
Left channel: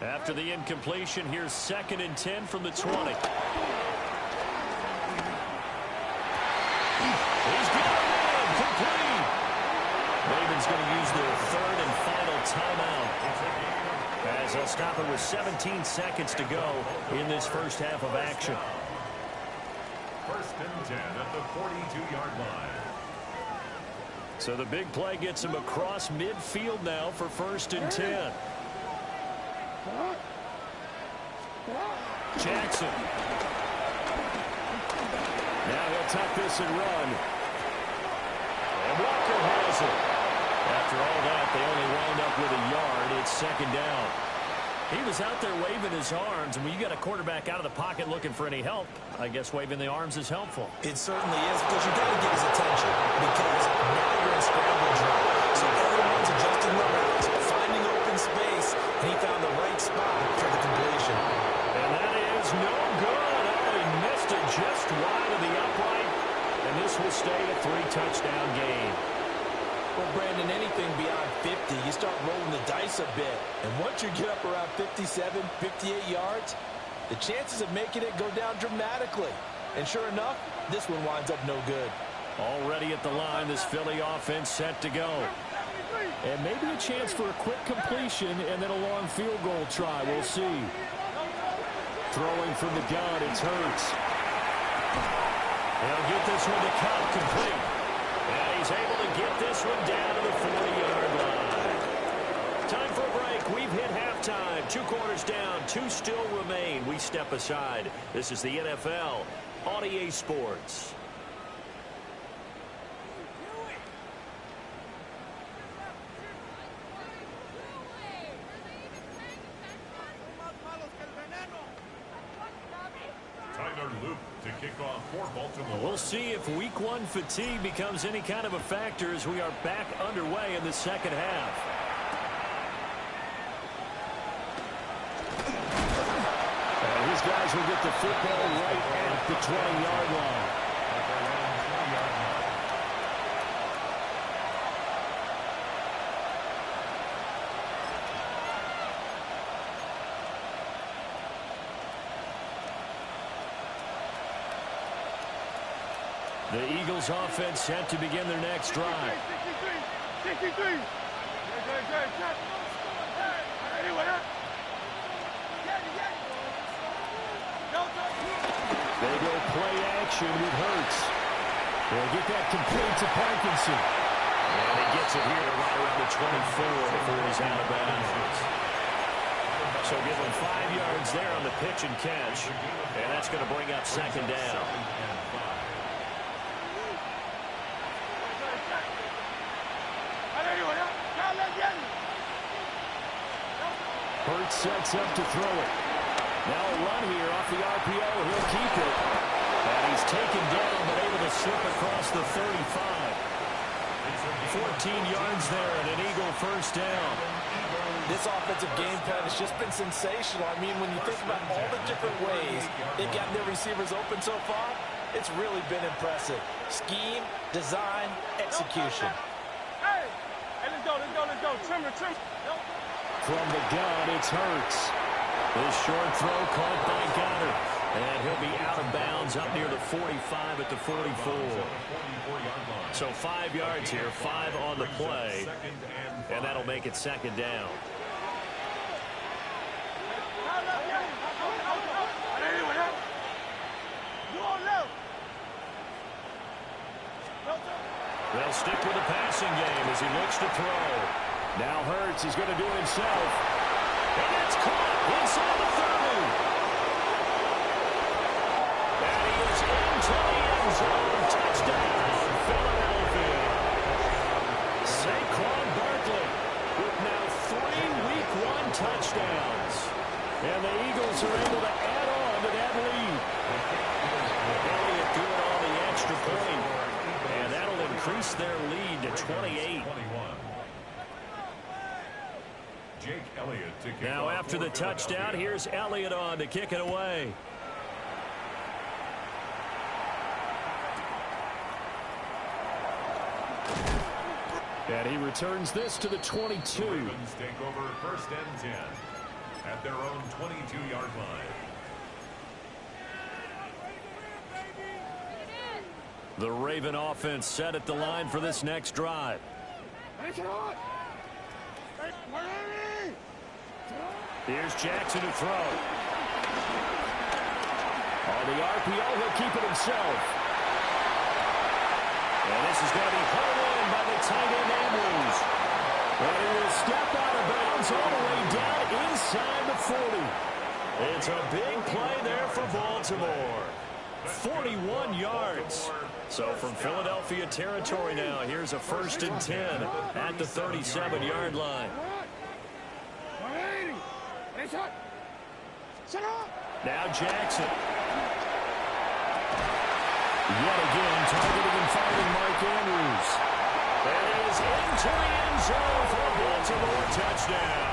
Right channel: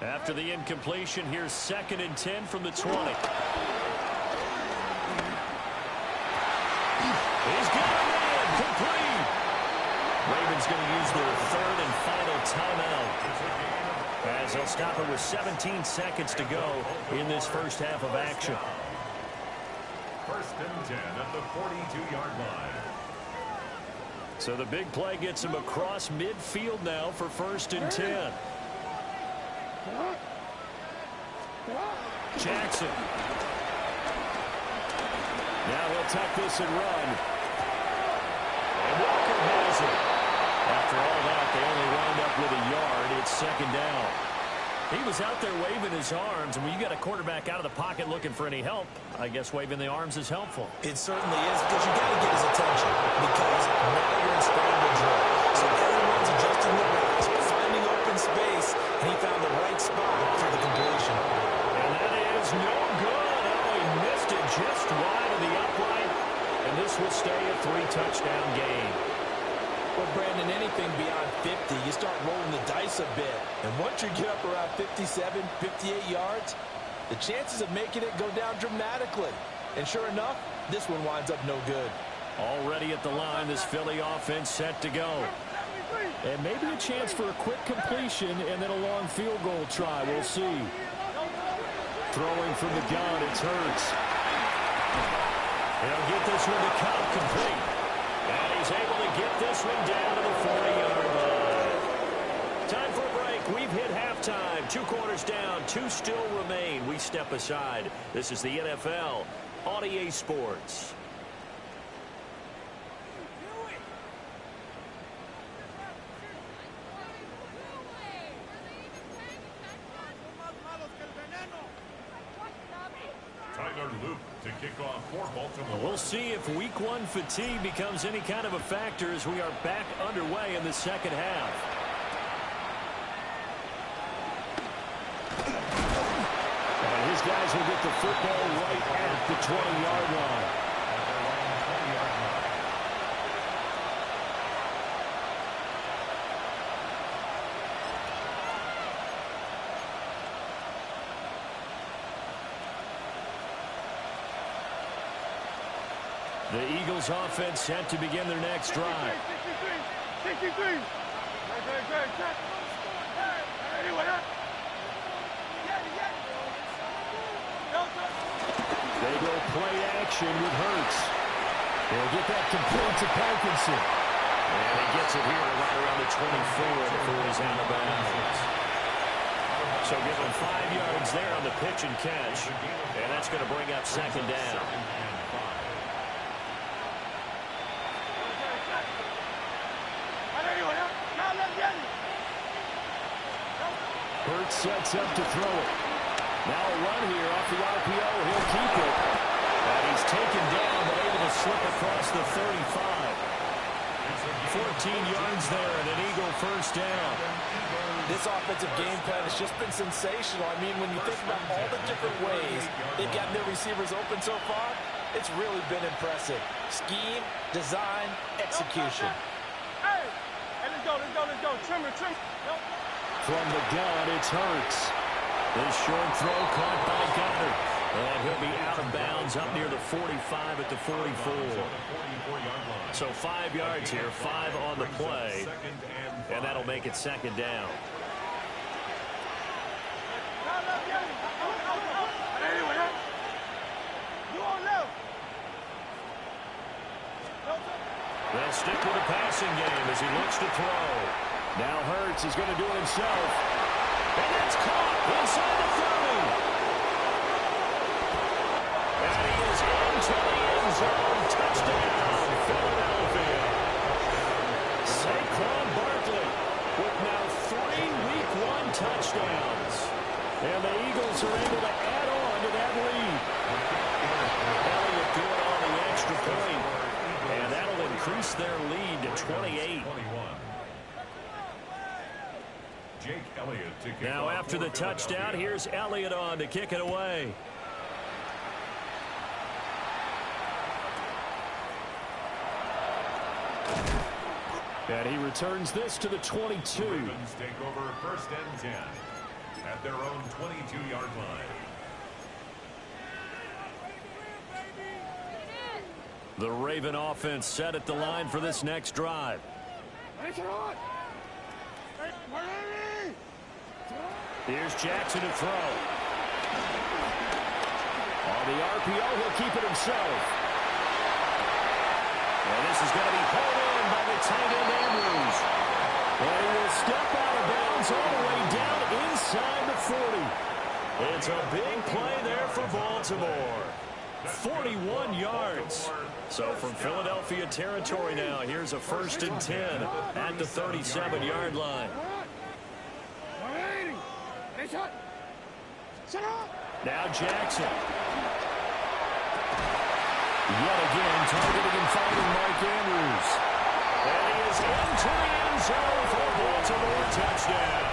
After the incompletion, here's 2nd and 10 from the 20. He's got a man complete. Ravens going to use their 3rd and final timeout, as they'll stop it with 17 seconds to go in this first half of action. 1st and 10 at the 42-yard line. So the big play gets him across midfield now for 1st and 10. Jackson. Now he'll tuck this and run. And Walker has it. After all that, they only wound up with a yard. It's 2nd down. He was out there waving his arms, and when you got a quarterback out of the pocket looking for any help, I guess waving the arms is helpful. It certainly is, because you got to get his attention, because now you're in scramble drill. So everyone's adjusting their routes, finding open space, and he found the right spot for the completion. And that is no good. Oh, he missed it just wide of the upright, and this will stay a 3-touchdown game. Well, Brandon, anything beyond 50, you start rolling the dice a bit. And once you get up around 57, 58 yards, the chances of making it go down dramatically. And sure enough, this one winds up no good. Already at the line, this Philly offense set to go. And maybe a chance for a quick completion and then a long field goal try. We'll see. Throwing from the gun, it's Hurts. He'll get this one to Cup complete. And he's able to get this one down to the 40-yard line. Time for a break. We've hit halftime. 2 quarters down. 2 still remain. We step aside. This is the NFL on EA Sports. To kick off for Baltimore. We'll see if week 1 fatigue becomes any kind of a factor as we are back underway in the second half. And his guys will get the football right at the 20-yard line. At their own 20-yard line. The Eagles offense set to begin their next drive. 63. They go play action with Hurts. They'll get that complete to Parkinson. And he gets it here to right around the 24 before he's out of bounds. So give him 5 yards there on the pitch and catch. And that's going to bring up 2nd down. Hurts sets up to throw it. Now a run here off the RPO. He'll keep it. And he's taken down, but able to slip across the 35. 14 yards there and an Eagle 1st down. This offensive game plan has just been sensational. I mean, when you think about all the different ways they've gotten their receivers open so far, it's really been impressive. Scheme, design, execution. Hey, let's go. Trim. From the gun, it's Hurts. This short throw caught by Goddard. And he'll be out of bounds up near the 45 at the 44. So 5 yards here, 5 on the play. And that'll make it 2nd down. They'll stick with the passing game as he looks to throw. Now Hurts, he's going to do it himself. And that's caught inside the 30. And he is into the end zone. Touchdown, Philadelphia. Saquon Barkley with now 3 Week 1 touchdowns. And the Eagles are able to add on to that lead. Elliott good on the extra point. And that'll increase their lead to 28. Jake Elliott to kick Now off after the for touchdown, Philadelphia. here's Elliott on to kick it away. And he returns this to the 22. The Ravens take over 1st and 10 at their own 22-yard line. The Raven offense set at the line for this next drive. Here's Jackson to throw. On the RPO, he'll keep it himself. And this is going to be pulled in by the tight end Andrews. And he will step out of bounds all the way down inside the 40. It's a big play there for Baltimore. 41 yards. So from Philadelphia territory now, here's a 1st and 10 at the 37-yard line. Now Jackson. Yet again, targeting and finding Mark Andrews. And he is into the end zone for a Baltimore touchdown.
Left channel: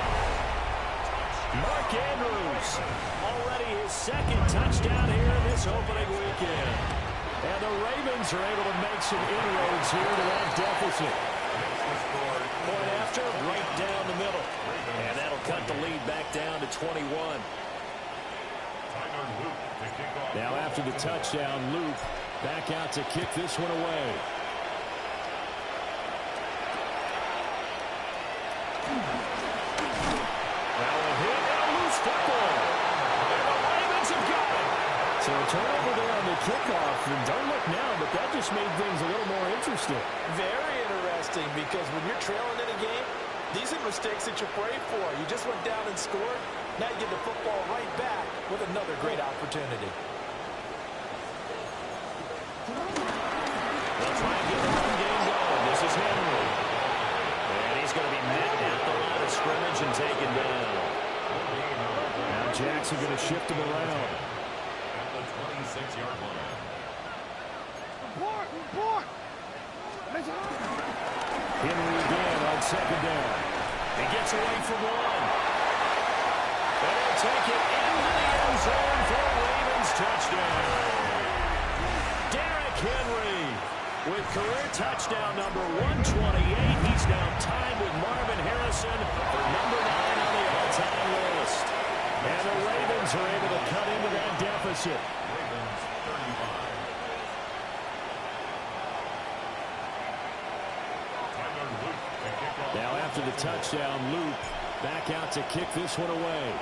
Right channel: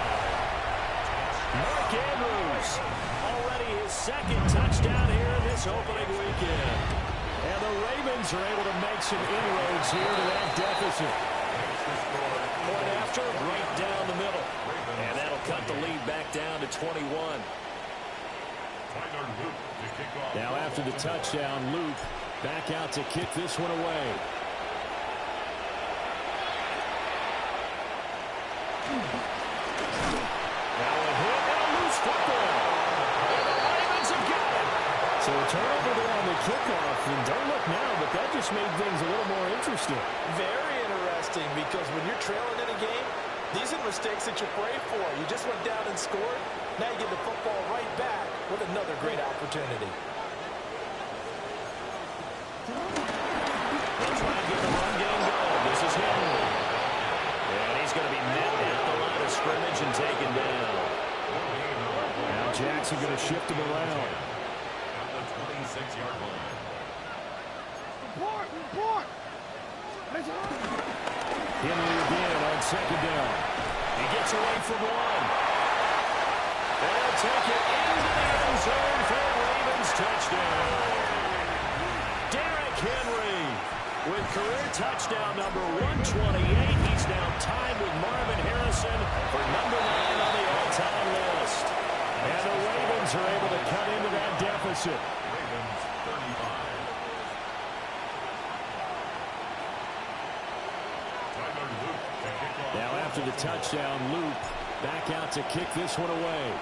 Mark Andrews, already his 2nd touchdown here in this opening weekend. And the Ravens are able to make some inroads here to that deficit. Point after, right down the middle. And that'll cut the lead back down to 21. Now after the touchdown, Loop back out to kick this one away. Now a hit and a loose football. And the Ravens have got it. So a turnover there on the kickoff. And don't look now, but that just made things a little more interesting. Very interesting, because when you're trailing in a game, these are mistakes that you pray for. You just went down and scored. Now you get the football right back with another great opportunity. They'll try and get the run game going. This is Henry. And he's going to be met at the line of scrimmage and taken down. Now Jackson going to shift him around. At the 26-yard line. Henry again on 2nd down. He gets away from one. And he'll take it into the end zone for a Ravens touchdown. Derrick Henry with career touchdown number 128. He's now tied with Marvin Harrison for number 9 on the all-time list. And the Ravens are able to cut into that deficit. Ravens 35. Now after the touchdown, Loop back out to kick this one away.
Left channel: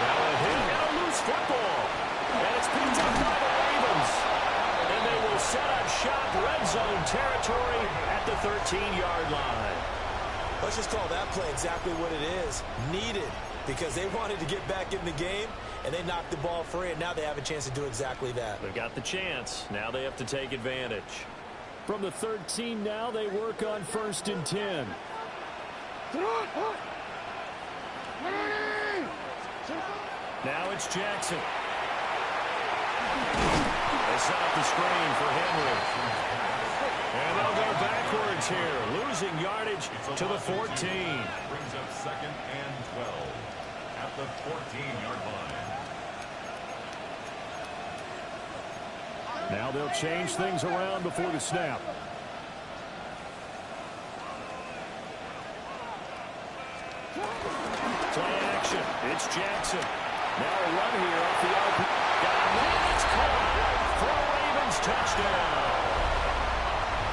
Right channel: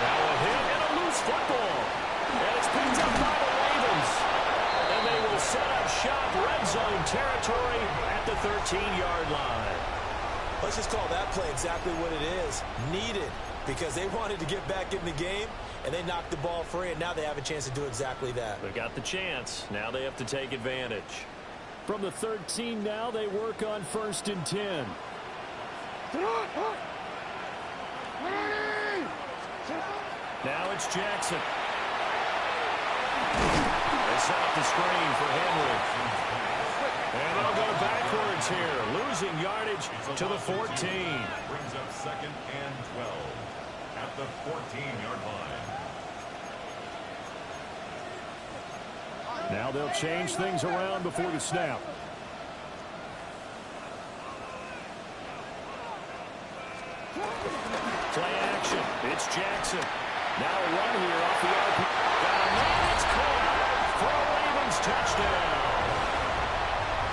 Now a hit and a loose football. And it's picked up by the Ravens. And they will set up shop red zone territory at the 13-yard line. Let's just call that play exactly what it is. Needed, because they wanted to get back in the game, and they knocked the ball free, and now they have a chance to do exactly that. They've got the chance. Now they have to take advantage. From the 13 now, they work on 1st and 10. Now it's Jackson. They set up the screen for Henry. And they'll go backwards here, losing yardage to the 14. Brings up 2nd and 12 at the 14-yard line. Now they'll change things around before the snap. Play action. It's Jackson. Now a run here off the RP. Got a man. It's caught for a Ravens touchdown.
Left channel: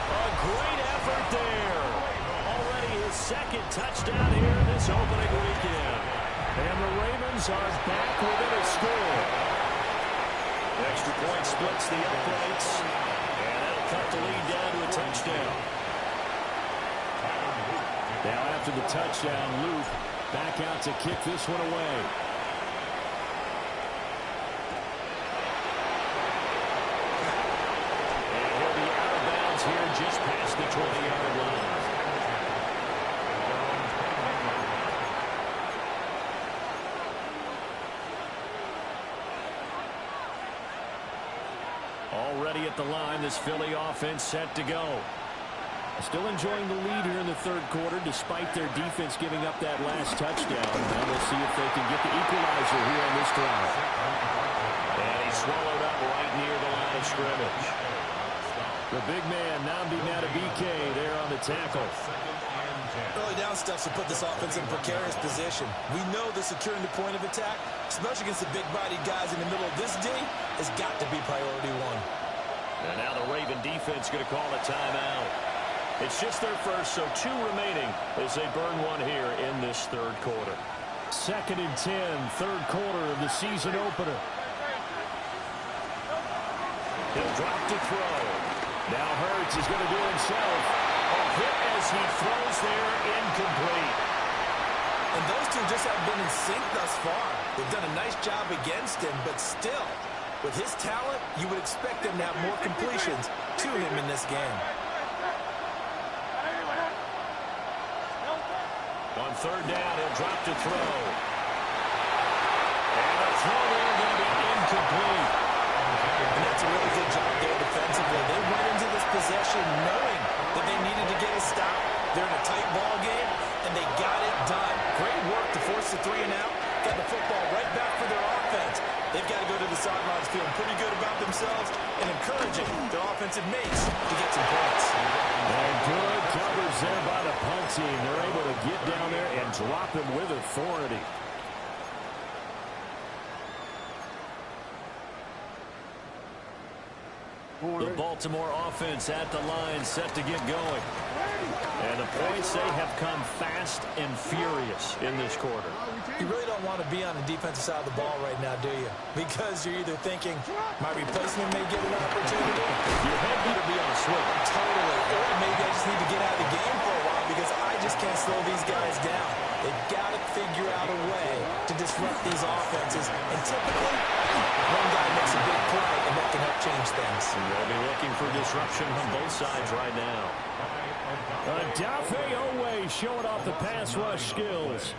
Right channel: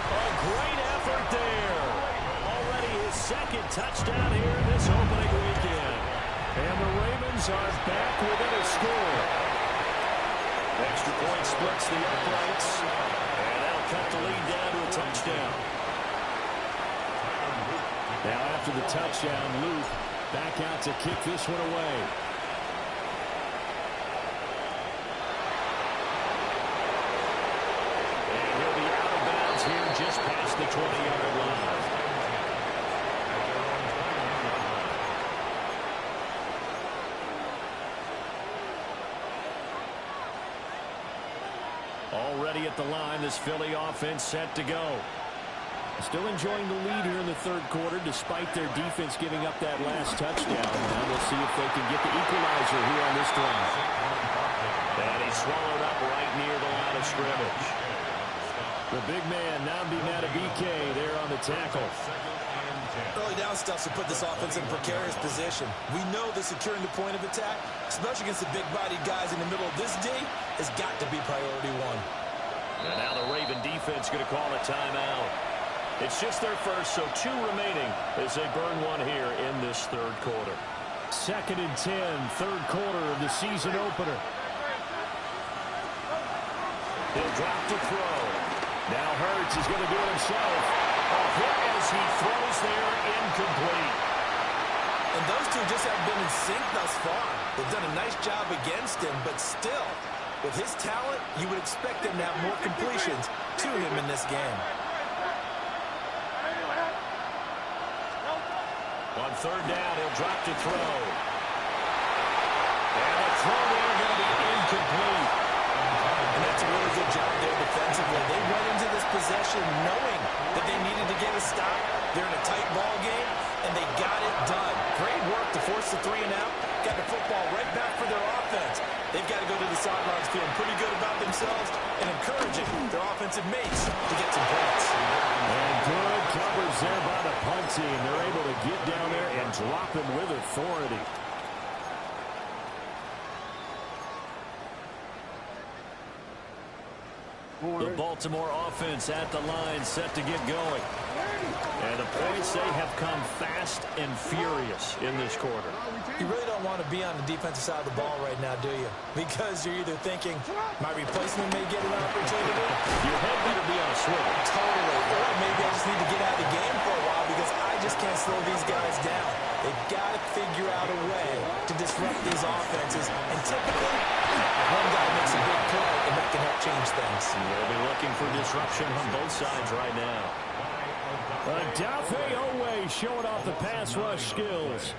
A great effort there. Already his 2nd touchdown here in this opening weekend. And the Ravens are back within a score. Extra point splits the uprights. And that'll cut the lead down to a touchdown. Now after the touchdown, Luke back out to kick this one away. And he'll be out of bounds here just past the 20-yard line. Already at the line, this Philly offense set to go. Still enjoying the lead here in the third quarter, despite their defense giving up that last touchdown. Now we'll see if they can get the equalizer here on this drive. And he's swallowed up right near the line of scrimmage. The big man, Nnamdi Madubuike, there on the tackle. Early down stuff to put this offense in a precarious position. We know that securing the point of attack, especially against the big-bodied guys in the middle of this D, has got to be priority one. And now the Raven defense going to call a timeout. It's just their first, so 2 remaining as they burn one here in this third quarter. 2nd and 10, third quarter of the season opener. He'll drop to throw. Now Hurts is going to do it himself. A hit as he throws there, incomplete. And those two just have been in sync thus far. They've done a nice job against him, but still, with his talent, you would expect them to have more completions to him in this game. On third down, he'll drop to throw. And a throw there going to be incomplete. And that's a really good job there defensively. They went into this possession knowing that they needed to get a stop. They're in a tight ball game, and they got it done. Great work to force the 3 and out. Got the football right back for their offense. They've got to go to the sidelines feeling pretty good about themselves and encouraging their offensive mates to get some points. And good coverage there by the punt team. They're able to get down there and drop him with authority. The Baltimore offense at the line, set to get going. And the points, they have come fast and furious in this quarter. You really don't want to be on the defensive side of the ball right now, do you? Because you're either thinking, my replacement may get an opportunity. Your head better be on a swivel. Totally. Or maybe I just need to get out of the game for a while because I just can't slow these guys down. They've got to figure out a way to disrupt these offenses. And typically, one guy makes a big play, and that can help change things. They'll be looking for disruption on both sides right now. Dafe Owe showing off the pass rush skills.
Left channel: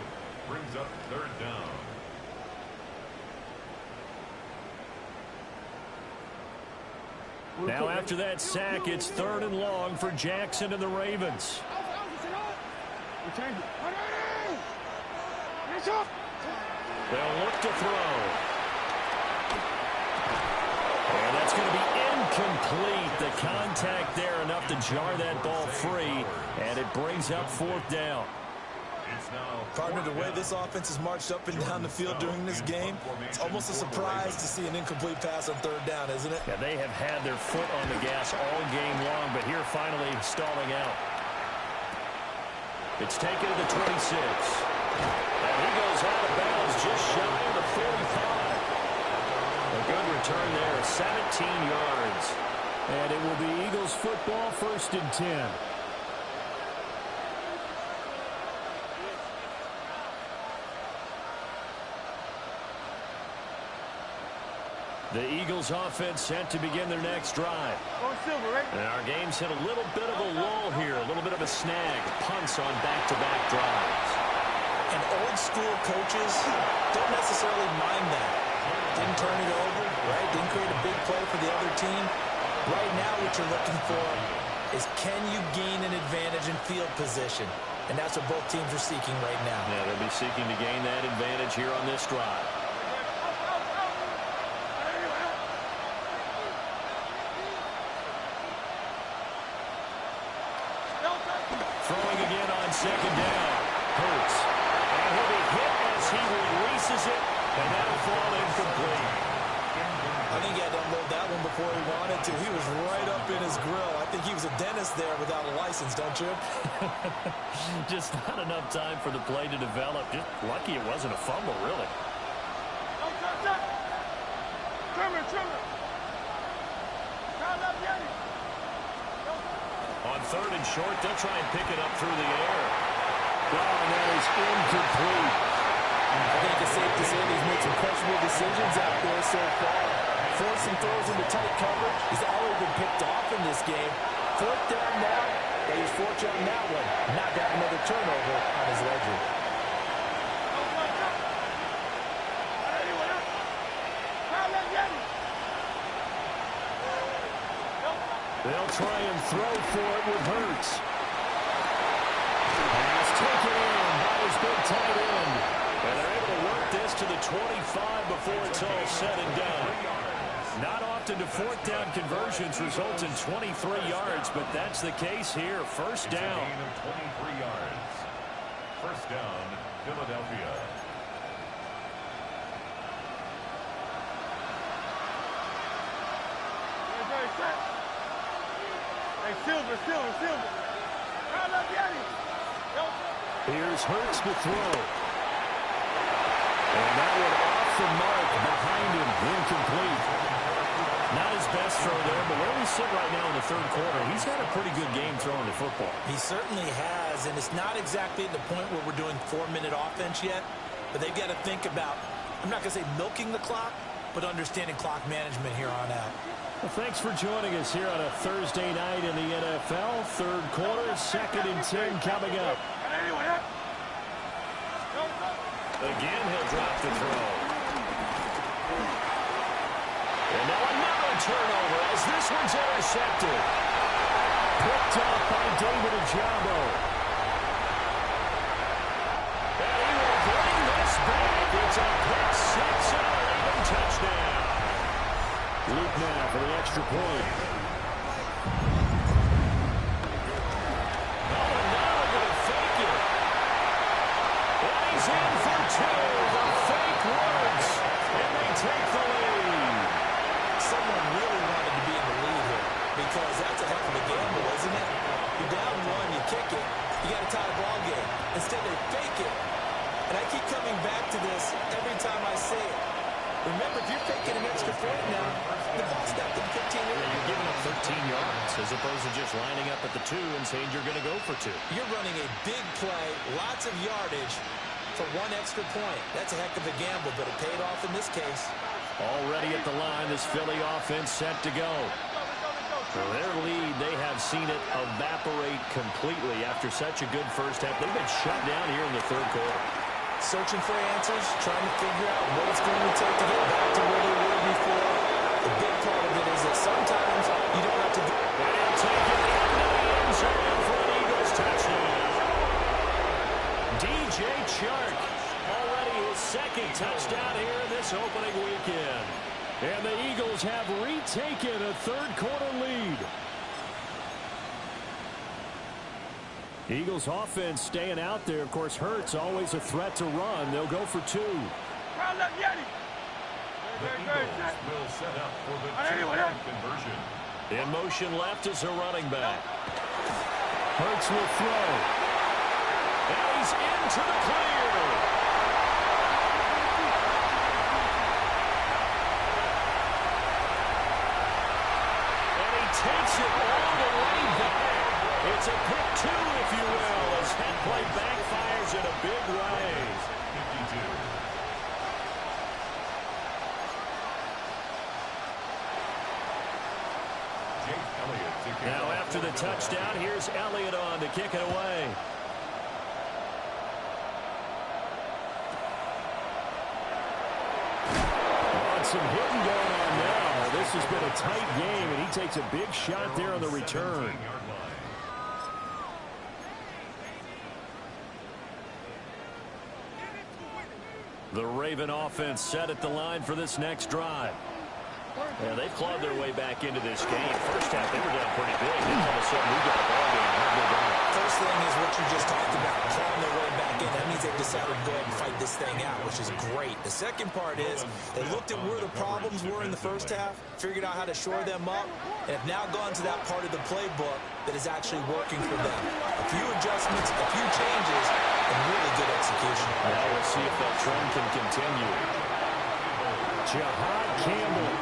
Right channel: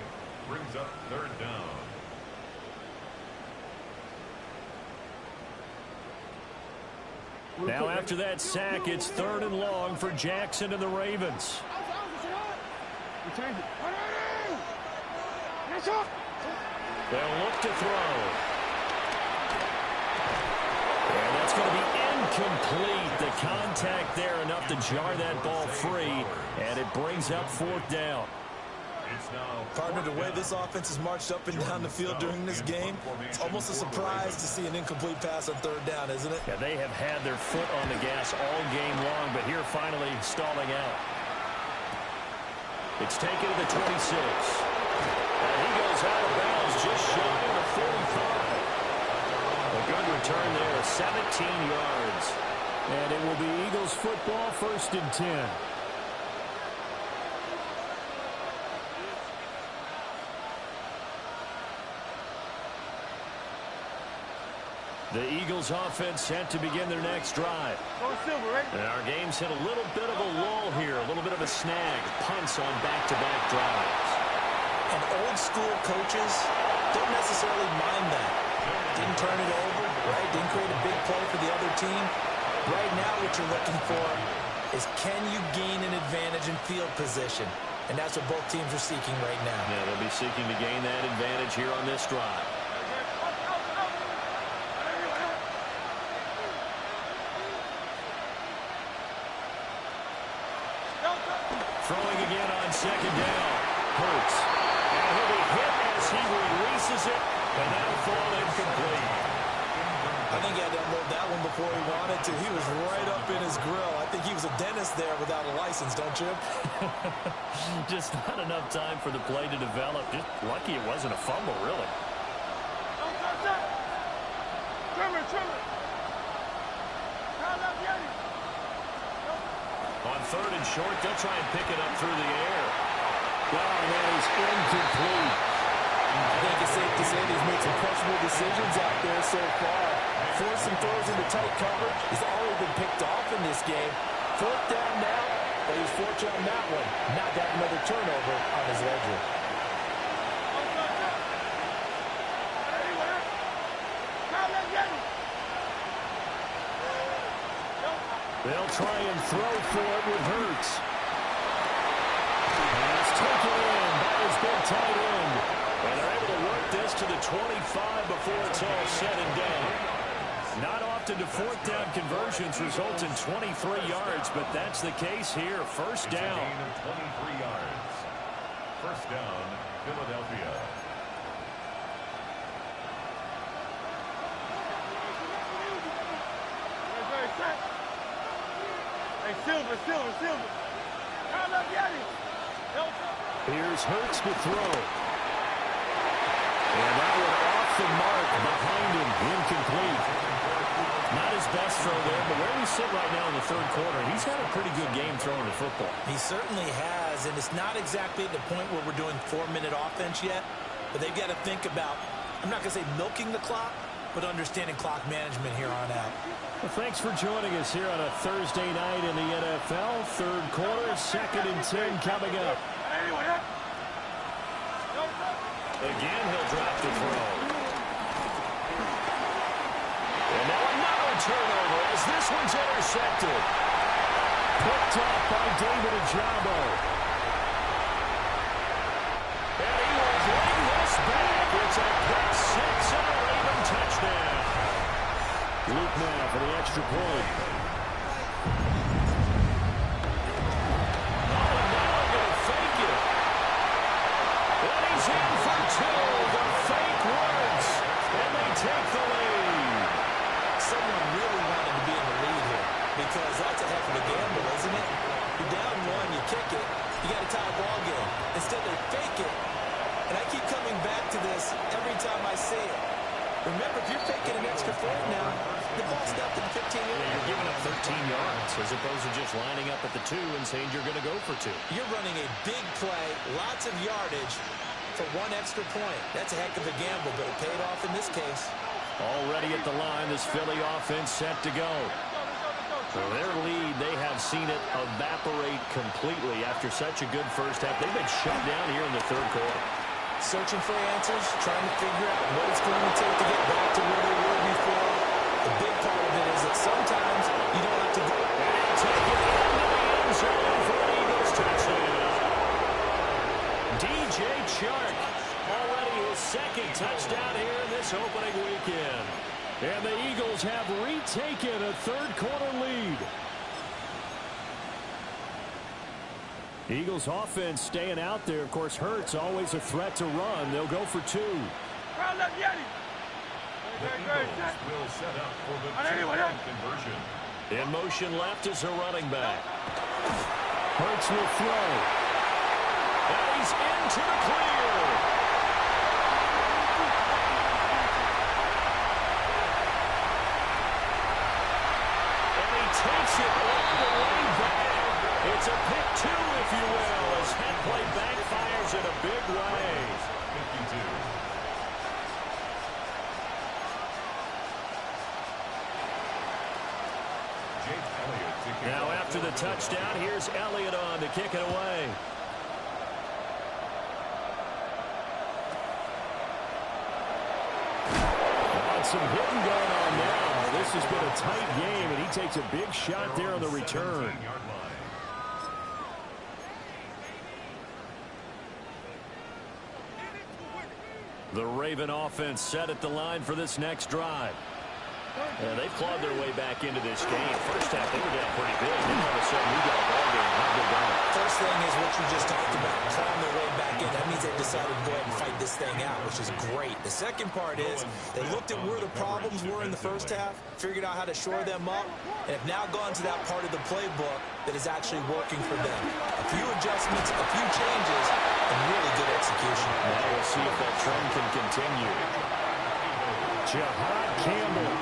Brings up third down. Now after that sack, it's 3rd and long for Jackson and the Ravens. They'll look to throw. And that's going to be incomplete. The contact there enough to jar that ball free, and it brings up 4th down. Partner, the way this offense has marched up and down the field during this game, it's almost a surprise to see an incomplete pass on 3rd down, isn't it? Yeah, they have had their foot on the gas all game long, but here finally stalling out. It's taken to the 26. And he goes out of bounds just shy of the 45. A good return there, 17 yards. And it will be Eagles football, 1st and 10. The Eagles offense set to begin their next drive. And our game's hit a little bit of a lull here, a little bit of a snag. Punts on back-to-back drives. And old school coaches don't necessarily mind that. Didn't turn it over, right? Didn't create a big play for the other team. Right now what you're looking for is can you gain an advantage in field position? And that's what both teams are seeking right now. Yeah, they'll be seeking to gain that advantage here on this drive. Throwing again on 2nd down. Hurts. And he'll be hit as he releases it, and that'll fall incomplete. I think he had to unload that one before he wanted to. He was right up in his grill. I think he was a dentist there without a license, don't you? Just not enough time for the play to develop. Just lucky it wasn't a fumble, really. Trimmer. On 3rd and short, they'll try and pick it up through the air. Oh, and that is incomplete. I think it's safe to say that he's made some questionable decisions out there so far. Forced some throws into tight coverage. He's already been picked off in this game. 4th down now, but he's fortunate on that one. Not to have another turnover on his ledger. They'll try and throw for it with Hurts. Pass taken in by his big tight end. And they're able to work this to the 25 before it's all said and done. Not often do 4th down conversions result in 23 yards, but that's the case here. 1st down. It's a gain of 23 yards. 1st down, Philadelphia. Hey, Silver. Here's Hurts to throw. And that one off the mark behind him. Incomplete. Not his best throw there, but where we sit right now in the 3rd quarter, he's had a pretty good game throwing the football. He certainly has, and it's not exactly at the point where we're doing 4-minute offense yet, but they've got to think about, I'm not going to say milking the clock, but understanding clock management here on out. Well, thanks for joining us here on a Thursday night in the NFL. 3rd quarter, 2nd and 10 coming up. Again, he'll drop the throw. And now another turnover as this one's intercepted. Picked up by David Ojabo. And he will bring this back. It's a pick 6 and a Raven touchdown. Luke now for the extra point. Oh, and now they're going to fake it. And he's in for 2. The fake works. And they take the lead. Someone really wanted to be in the lead here because that's a heck of a gamble, isn't it? You're down 1, you kick it, you got to tie a ball game. Instead, they fake it. And I keep coming back to this every time I say it. Remember, if you're faking an extra point now, the ball's stopped at 15 yards. Yeah, you're giving up 13 yards as opposed to just lining up at the 2 and saying you're going to go for 2. You're running a big play, lots of yardage for 1 extra point. That's a heck of a gamble, but it paid off in this case. Already at the line, this Philly offense set to go. So their lead, they have seen it evaporate completely after such a good first half. They've been shut down here in the 3rd quarter. Searching for answers, trying to figure out what it's going to take to get back to where they were before. The big part of it is that sometimes you don't have to go. And he'll take it into the end zone for an Eagles touchdown. DJ Chark, already his 2nd touchdown here in this opening weekend. And the Eagles have retaken a 3rd quarter lead. Eagles offense staying out there. Of course, Hurts always a threat to run. They'll go for 2. The Eagles will set up for the 2-point conversion. In motion left is a running back. Hurts will throw. And he's into the clear. And he takes it all the way back. It's a pick 2, if you will, as that play backfires in a big way. 52. Now after the touchdown, here's Elliott on to kick it away. Some hitting going on now. This has been a tight game, and he takes a big shot there on the return. The Raven offense set at the line for this next drive. Yeah, they've clawed their way back into this game. First half, they were down pretty big. Then all of a sudden, we've got a ball game. How have they done it? First thing is what you just talked about, clawing their way back in. That means they've decided to go ahead and fight this thing out, which is great. The second part is they looked at where the problems were in the first half, figured out how to shore them up, and have now gone to that part of the playbook that is actually working for them. A few adjustments, a few changes, and really good execution. Now we'll see if that trend can continue. Jahad Campbell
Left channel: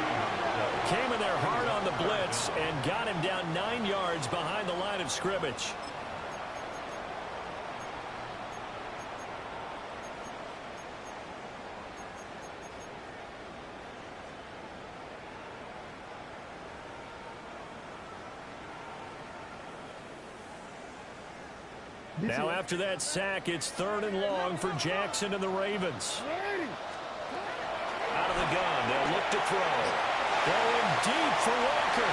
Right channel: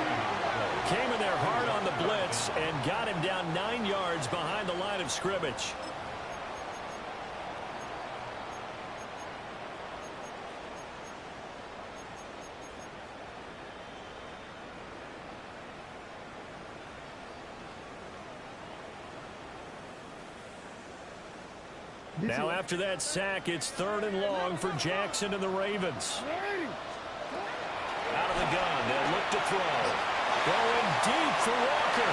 Came in there hard on the blitz and got him down 9 yards behind the line of scrimmage. Now after that sack, it's 3rd and long for Jackson and the Ravens. Out of the gun, they'll look to throw. Going deep for Walker.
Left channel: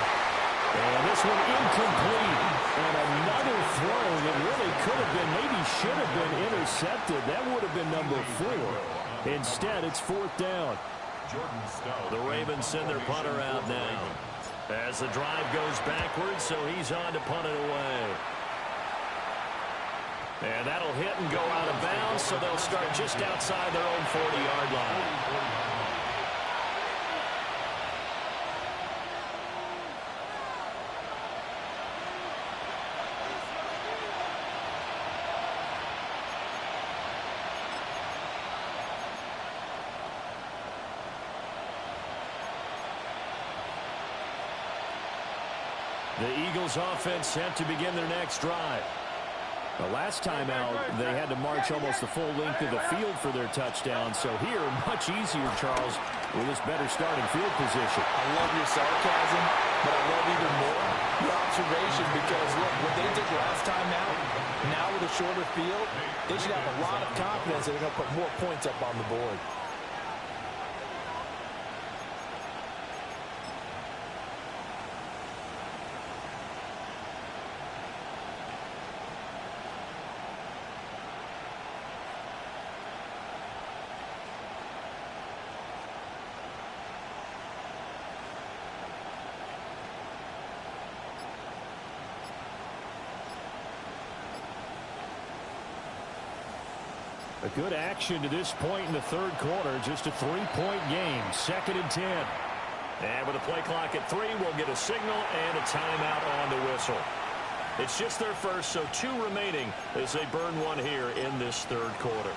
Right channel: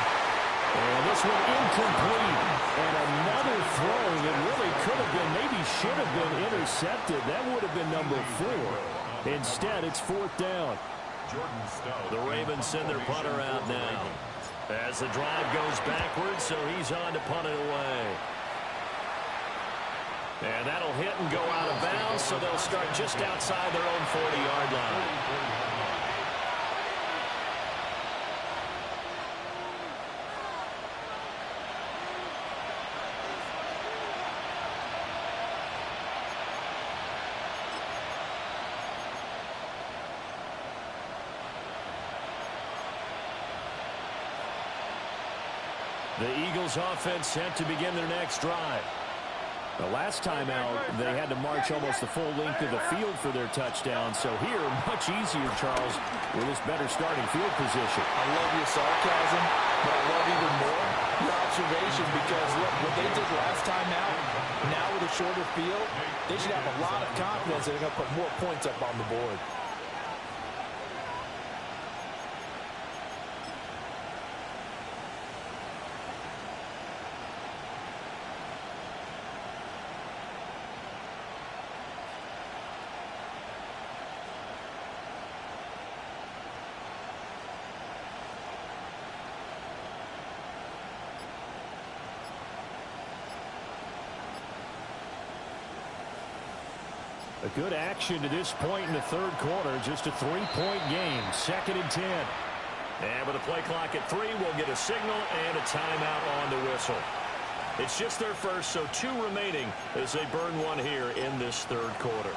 And this one incomplete. And another throw that really could have been, maybe should have been intercepted. That would have been number 4. Instead, it's 4th down. The Ravens send their punter out now. As the drive goes backwards, so he's on to punt it away. And that'll hit and go out of bounds, so they'll start just outside their own 40-yard line. The Eagles offense set to begin their next drive. The last time out, they had to march almost the full length of the field for their touchdown. So here, much easier, Charles, with this better starting field position. I love your sarcasm, but I love even more your observation because, look, what they did last time out, now with a shorter field, they should have a lot of confidence that they're going to put more points up on the board. A good action to this point in the 3rd quarter. Just a 3-point game. 2nd and 10. And with a play clock at 3, we'll get a signal and a timeout on the whistle. It's just their first, so 2 remaining as they burn one here in this 3rd quarter.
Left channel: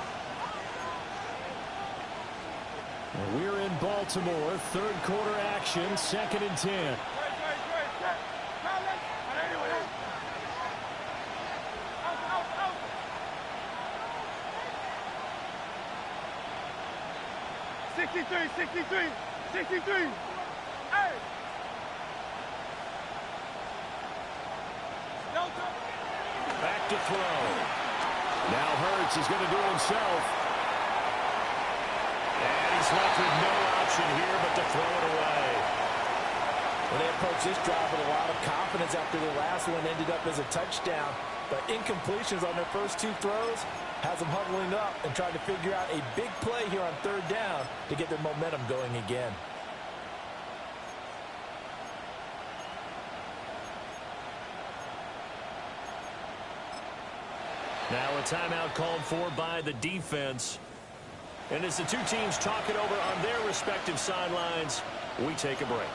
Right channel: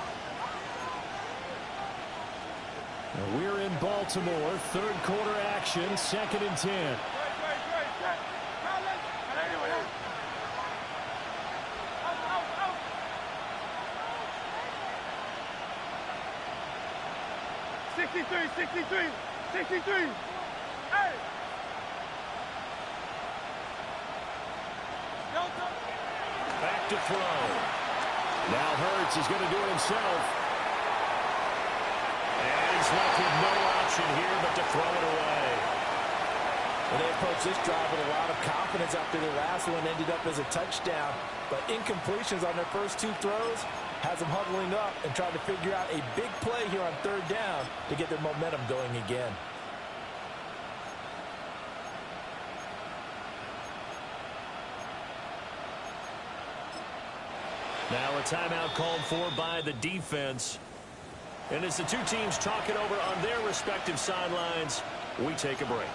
We're in Baltimore. 3rd quarter action. 2nd and 10. 63, 63, 63. Hey! Back to throw. Now Hurts is going to do it himself. And he's left with no option here but to throw it away. Well, they approached this drive with a lot of confidence after their last one ended up as a touchdown. But incompletions on their first 2 throws has them huddling up and trying to figure out a big play here on 3rd down to get their momentum going again. Now a timeout called for by the defense. And as the 2 teams talk it over on their respective sidelines, we take a break.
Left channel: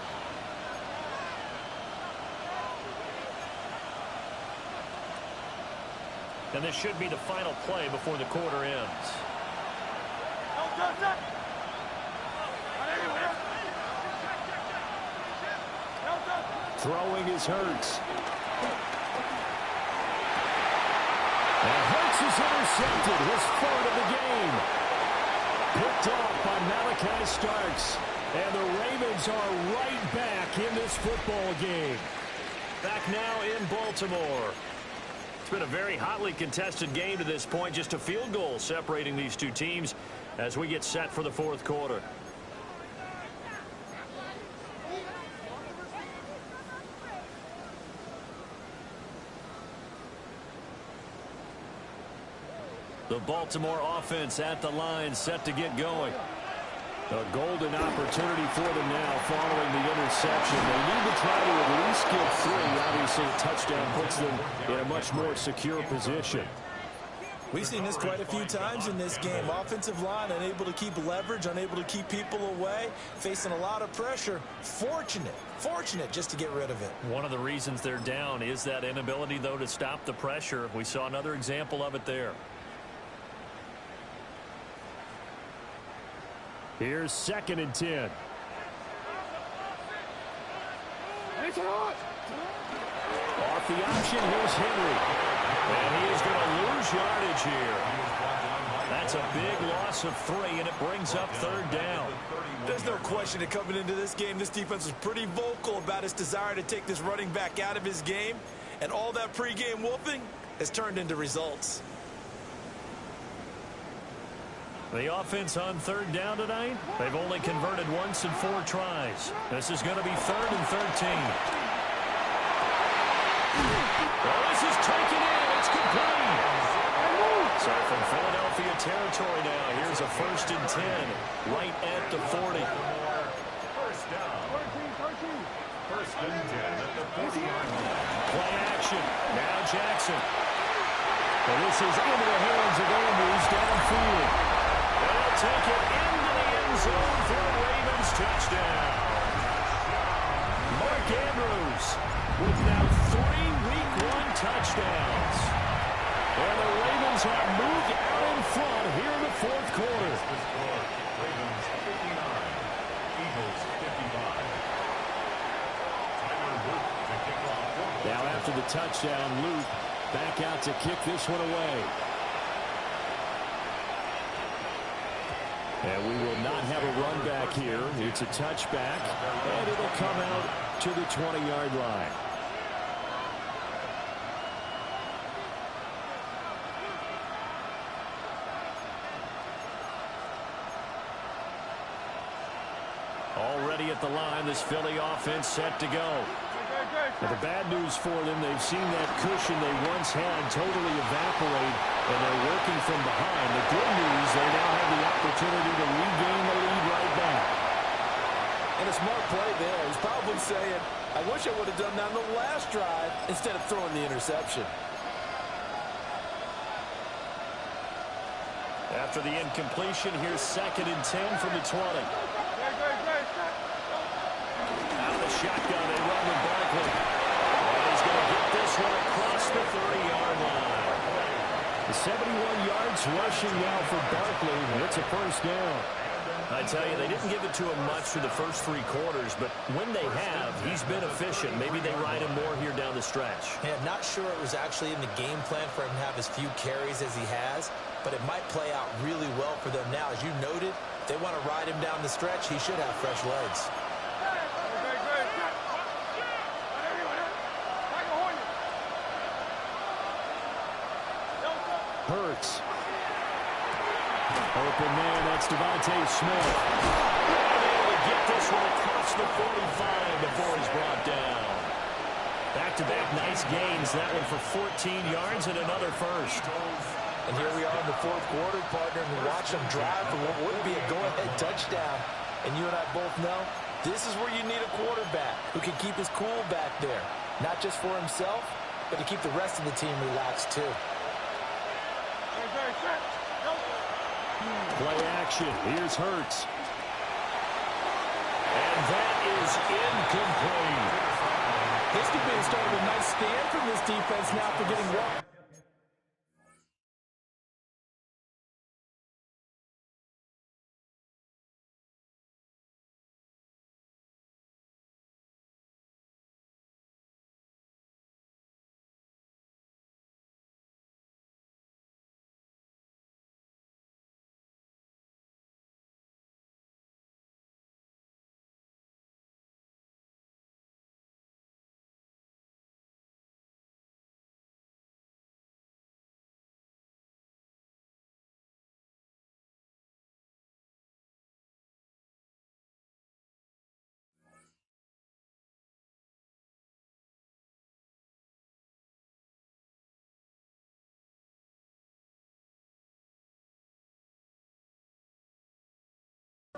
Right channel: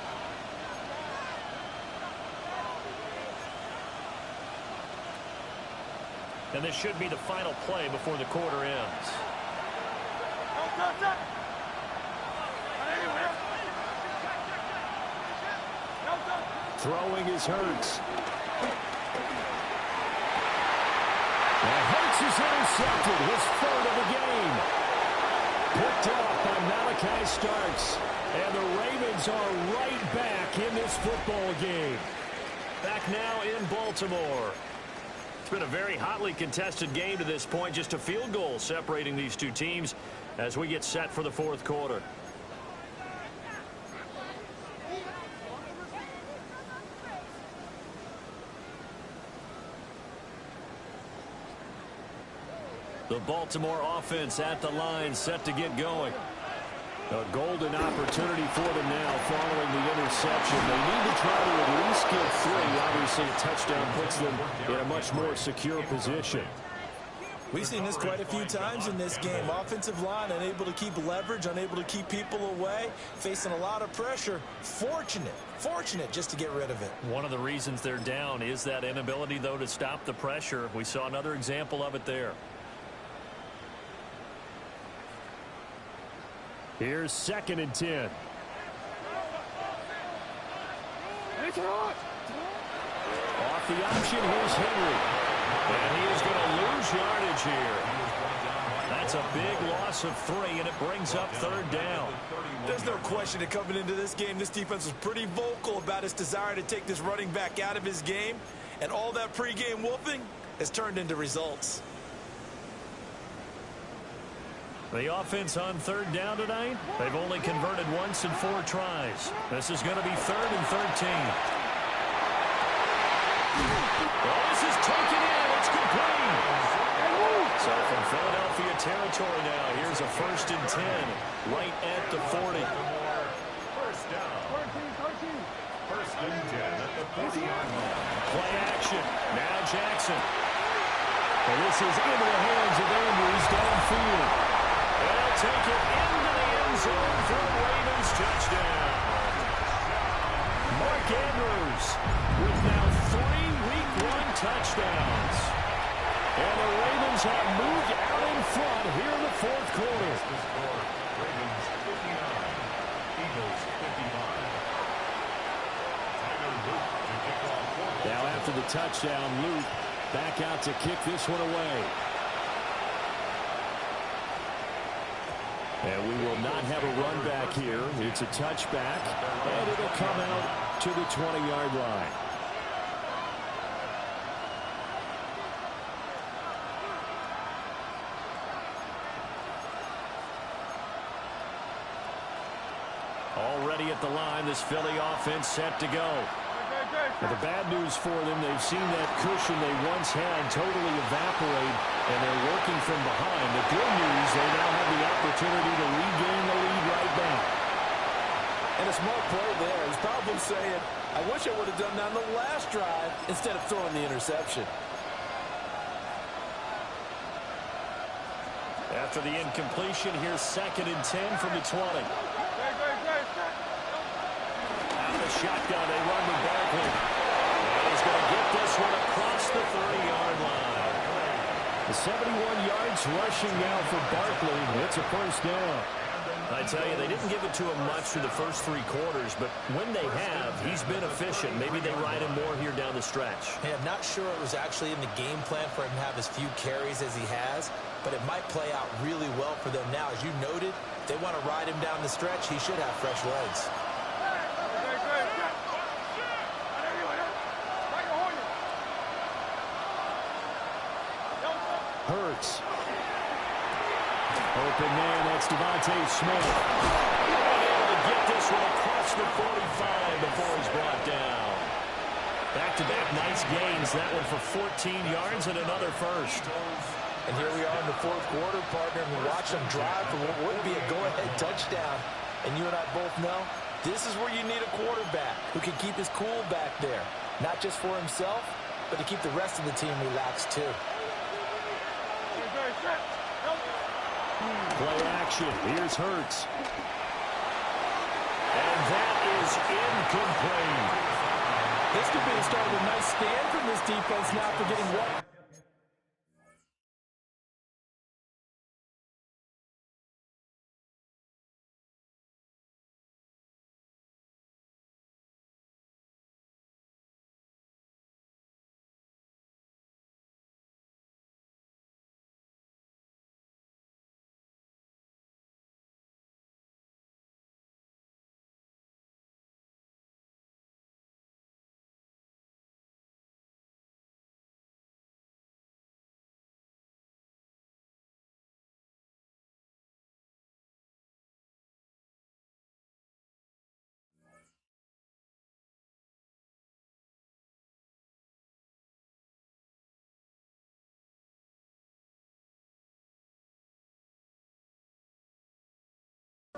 And this should be the final play before the quarter ends. Throwing is Hurts. And Hurts is intercepted, his 3rd of the game. Picked off by Malachi Starks. And the Ravens are right back in this football game. Back now in Baltimore. It's been a very hotly contested game to this point. Just a field goal separating these 2 teams as we get set for the 4th quarter. The Baltimore offense at the line, set to get going. A golden opportunity for them now following the interception. They need to try to at least get 3. Obviously, a touchdown puts them in a much more secure position. We've seen this quite a few times in this game. Offensive line unable to keep leverage, unable to keep people away, facing a lot of pressure. Fortunate just to get rid of it. One of the reasons they're down is that inability, though, to stop the pressure. We saw another example of it there. Here's 2nd and 10. Off the option, here's Henry. And he is going to lose yardage here. That's a big loss of 3, and it brings up 3rd down. There's no question that coming into this game, this defense was pretty vocal about its desire to take this running back out of his game. And all that pregame wolfing has turned into results. The offense on 3rd down tonight, they've only converted once in 4 tries. This is going to be 3rd and 13. Well, this is taken in. It's complete. So from Philadelphia territory now, here's a 1st and 10 right at the 40. First down. 1st and 10 at the 40-yard line. Play action. Now Jackson. And this is into the hands of Andrews downfield. They'll take it into the end zone for a Ravens touchdown. Mark Andrews with now 3 Week 1 touchdowns. And the Ravens have moved out in front here in the 4th quarter. The score, Ravens 59, Eagles 55. Tyler Luke to kick off. Now after the touchdown, Luke back out to kick this one away. And we will not have a run back here. It's a touchback, and it'll come out to the 20-yard line. Already at the line, this Philly offense set to go. Now, the bad news for them, they've seen that cushion they once had totally evaporate, and they're working from behind. The good news, they now have the opportunity to regain the lead right back. And a smart play there. He's probably saying, I wish I would have done that on the last drive instead of throwing the interception. After the incompletion, here's 2nd and 10 from the 20. Out of the shotgun, they run with Barkley. And he's going to get this one across the 30-yard line. The 71 yards rushing now for Barkley. It's a 1st down. I tell you, they didn't give it to him much through the first 3 quarters, but when they have, he's been efficient. Maybe they ride him more here down the stretch. Hey, I'm not sure it was actually in the game plan for him to have as few carries as he has, but it might play out really well for them now. As you noted, if they want to ride him down the stretch, he should have fresh legs. Hurts. Open man, that's Devontae Smith. And able to get this one across the 45 before he's brought down. Back-to-back nice gains. That one for 14 yards and another 1st. And here we are in the 4th quarter, partner, and we watch them drive for what would be a go-ahead touchdown. And you and I both know this is where you need a quarterback who can keep his cool back there. Not just for himself, but to keep the rest of the team relaxed too. Play action. Here's Hurts. And that is incomplete. This could be the start of a nice stand from this defense now for getting one.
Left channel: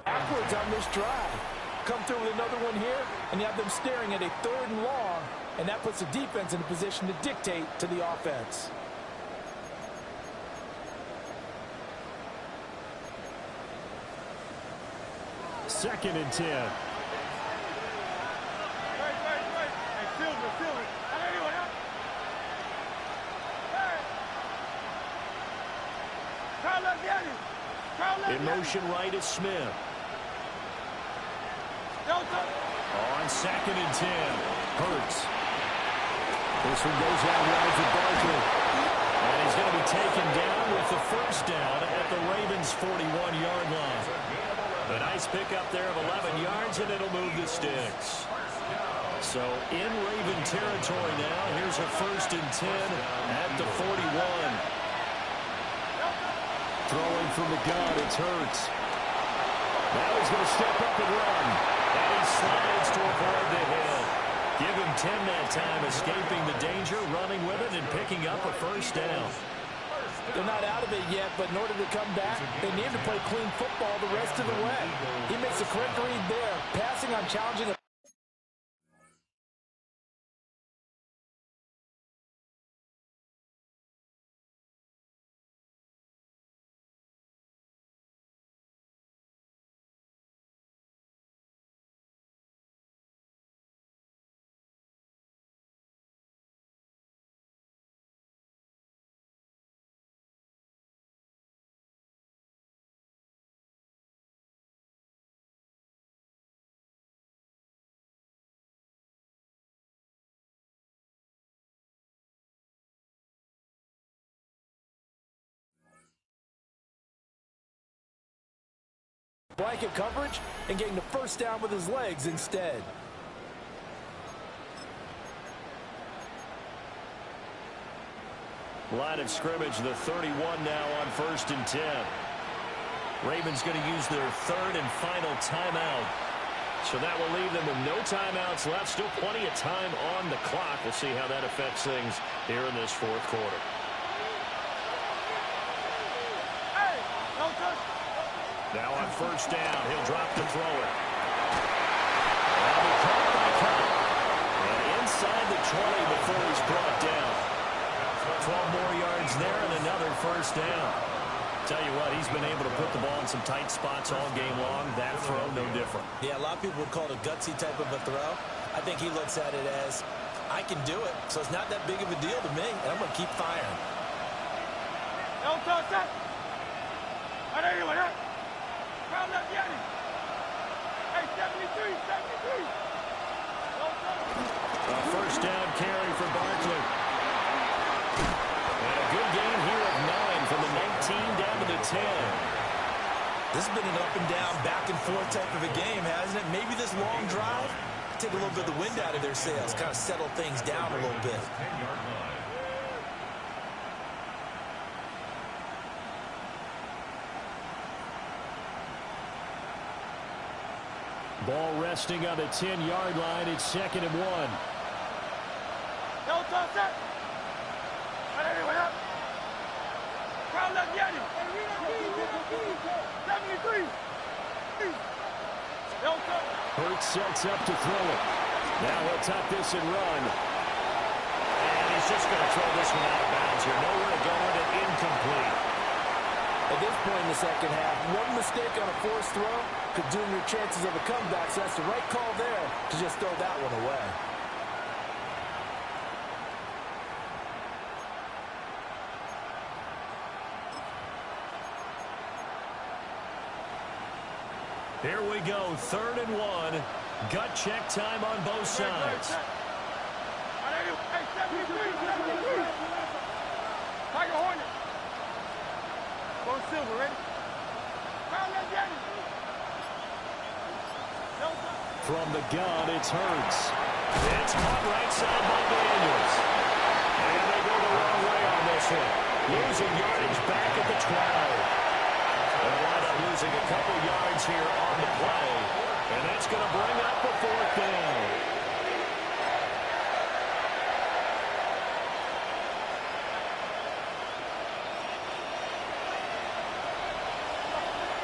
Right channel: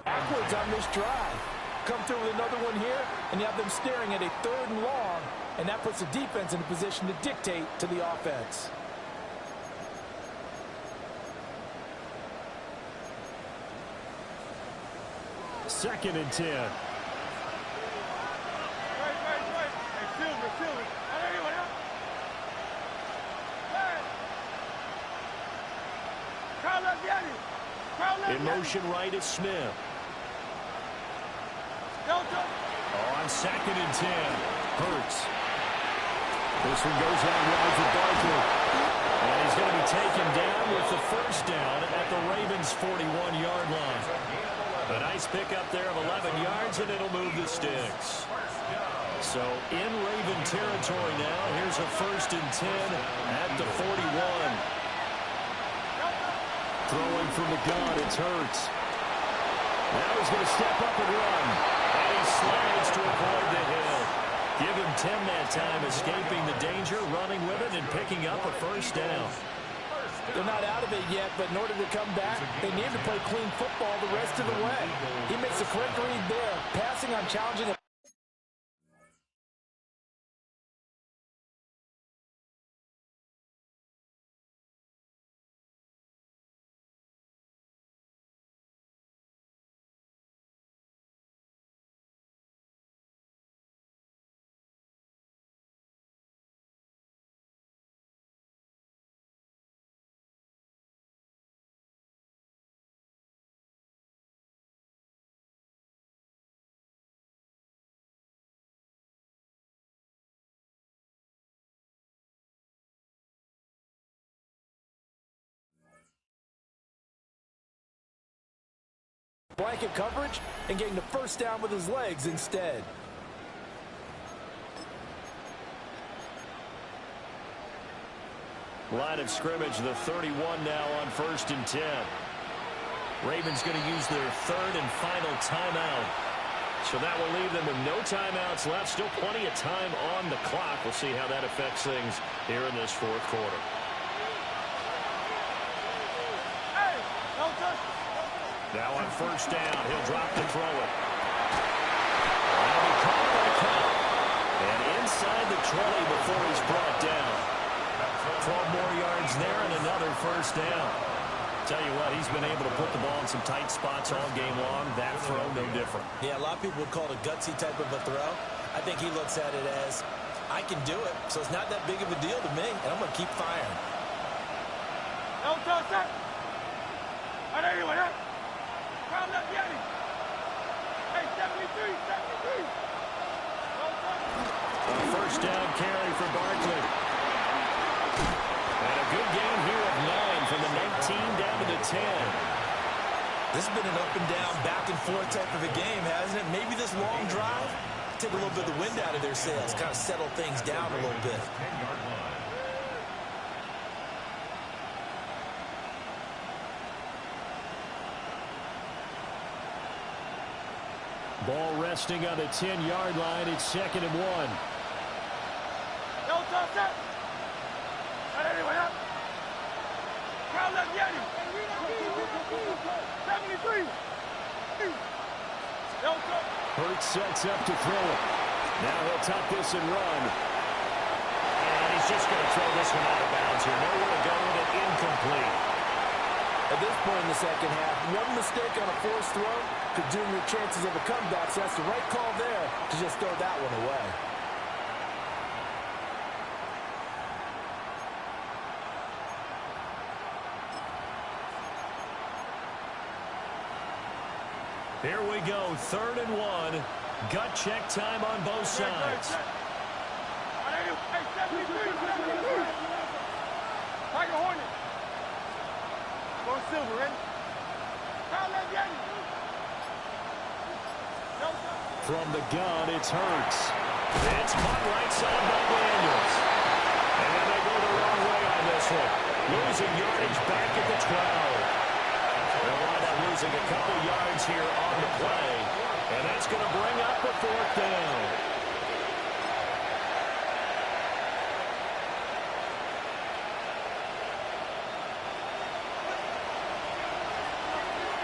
Backwards on this drive. Come through with another one here, and you have them staring at a 3rd and long, and that puts the defense in a position to dictate to the offense. Second and 10. Hey, Silver. Anyone else? Hey! In motion right is Smith. On 2nd and 10. Hurts. This one goes out wide for Barkley. And he's going to be taken down with the first down at the Ravens' 41-yard line. A nice pickup there of 11 yards, and it'll move the sticks. So in Raven territory now, here's a 1st and 10 at the 41. Throwing from the gun, it's Hurts. Now he's going to step up and run. And he slides to avoid the hit. Give him 10 that time, escaping the danger, running with it, and picking up a first down. They're not out of it yet, but in order to come back, they need to play clean football the rest of the way. He makes a correct read there, passing on challenging a blanket coverage and getting the first down with his legs instead. Line of scrimmage, the 31 now on 1st and 10. Ravens going to use their 3rd and final timeout. So that will leave them with no timeouts left. Still plenty of time on the clock. We'll see how that affects things here in this 4th quarter. Hey, no touch. Now on 1st down, he'll drop to throw it. That'll be caught by Cup. And inside the 20 before he's brought down. 12 more yards there and another 1st down. Tell you what, he's been able to put the ball in some tight spots all game long. That throw, no different. Yeah, a lot of people would call it a gutsy type of a throw. I think he looks at it as, I can do it, so it's not that big of a deal to me, and I'm going to keep firing. No touch that. Anyway, that. Crowd left Yanni. Hey, 73, 73. No touch. A 1st down carry for Barkley. And a good gain here of 9 from the 19 down to the 10. This has been an up and down, back and forth type of a game, hasn't it? Maybe this long drive, take a little bit of the wind out of their sails, kind of settle things down a little bit. Ball resting on the 10-yard line. It's 2nd and 1. No touch that. Anyway, that. Crowd left Yanni. 73. No touch. Hurts sets up to throw it. Now he'll tuck this and run. And he's just going to throw this one out of bounds here. Nowhere to go with it. Incomplete. At this point in the second half, one mistake on a forced throw could doom your chances of a comeback, so that's the right call there to just throw that one away. Here we go, 3rd and 1. Gut check time on both sides. Hey, 73, 73. Tiger Hornet. Go silver, ready? Crowd left Yanni. No touch. From the gun, it's Hurts. It's caught right side by Daniels. And they go the wrong way on this one. Losing yardage back at the 12. They'll wind up losing a couple yards here on the play. And that's going to bring up a 4th down.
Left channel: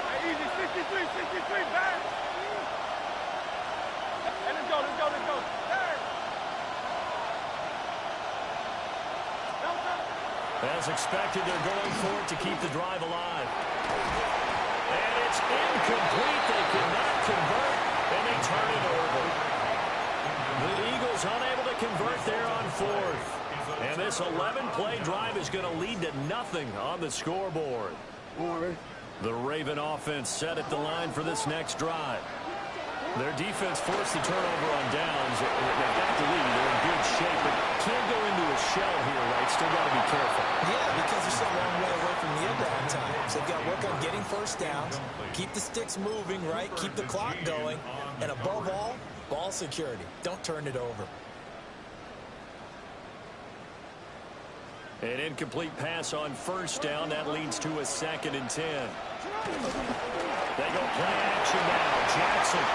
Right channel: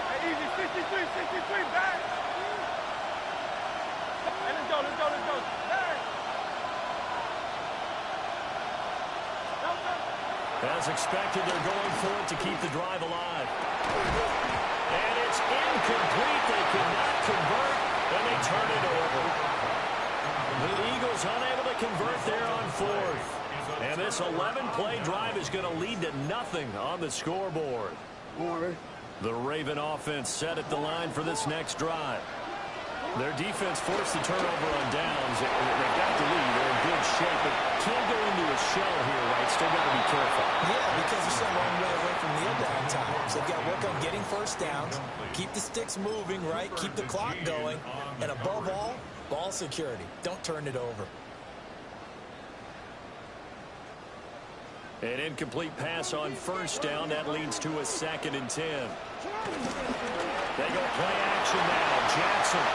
Hey, easy, 63, 63, back. Hey, let's go, let's go, let's go. Hey. No touch. As expected, they're going for it to keep the drive alive. And it's incomplete. They cannot convert, and they turn it over. The Eagles unable to convert there on 4th. And this 11-play drive is going to lead to nothing on the scoreboard. The Raven offense set at the line for this next drive. Their defense forced the turnover on downs. They've got the lead. They're in good shape, but can't go into a shell here, right? Still got to be careful. Yeah, because they're still a long way away from kneel down time. So they've got to work on getting first downs, keep the sticks moving, right? Keep the clock going. And above all, ball security. Don't turn it over. An incomplete pass on first down. That leads to a 2nd and 10. They go play action now. Jackson.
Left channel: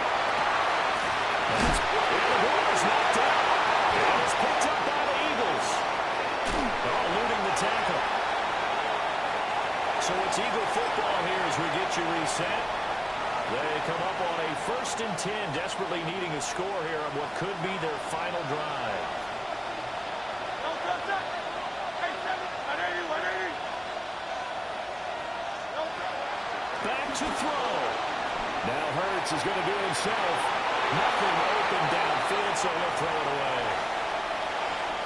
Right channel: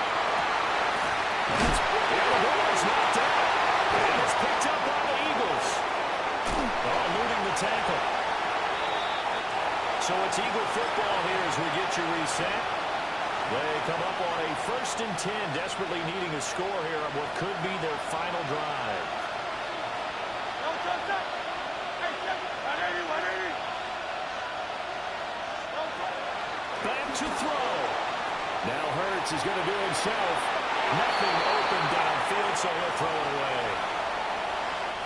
The ball is knocked out. And it's picked up by the Eagles. Oh, eluding the tackle. So it's Eagle football here as we get you reset. They come up on a 1st and 10, desperately needing a score here on what could be their final drive. Back to throw. Now Hurts is going to do it himself. Nothing open downfield, so he'll throw it away.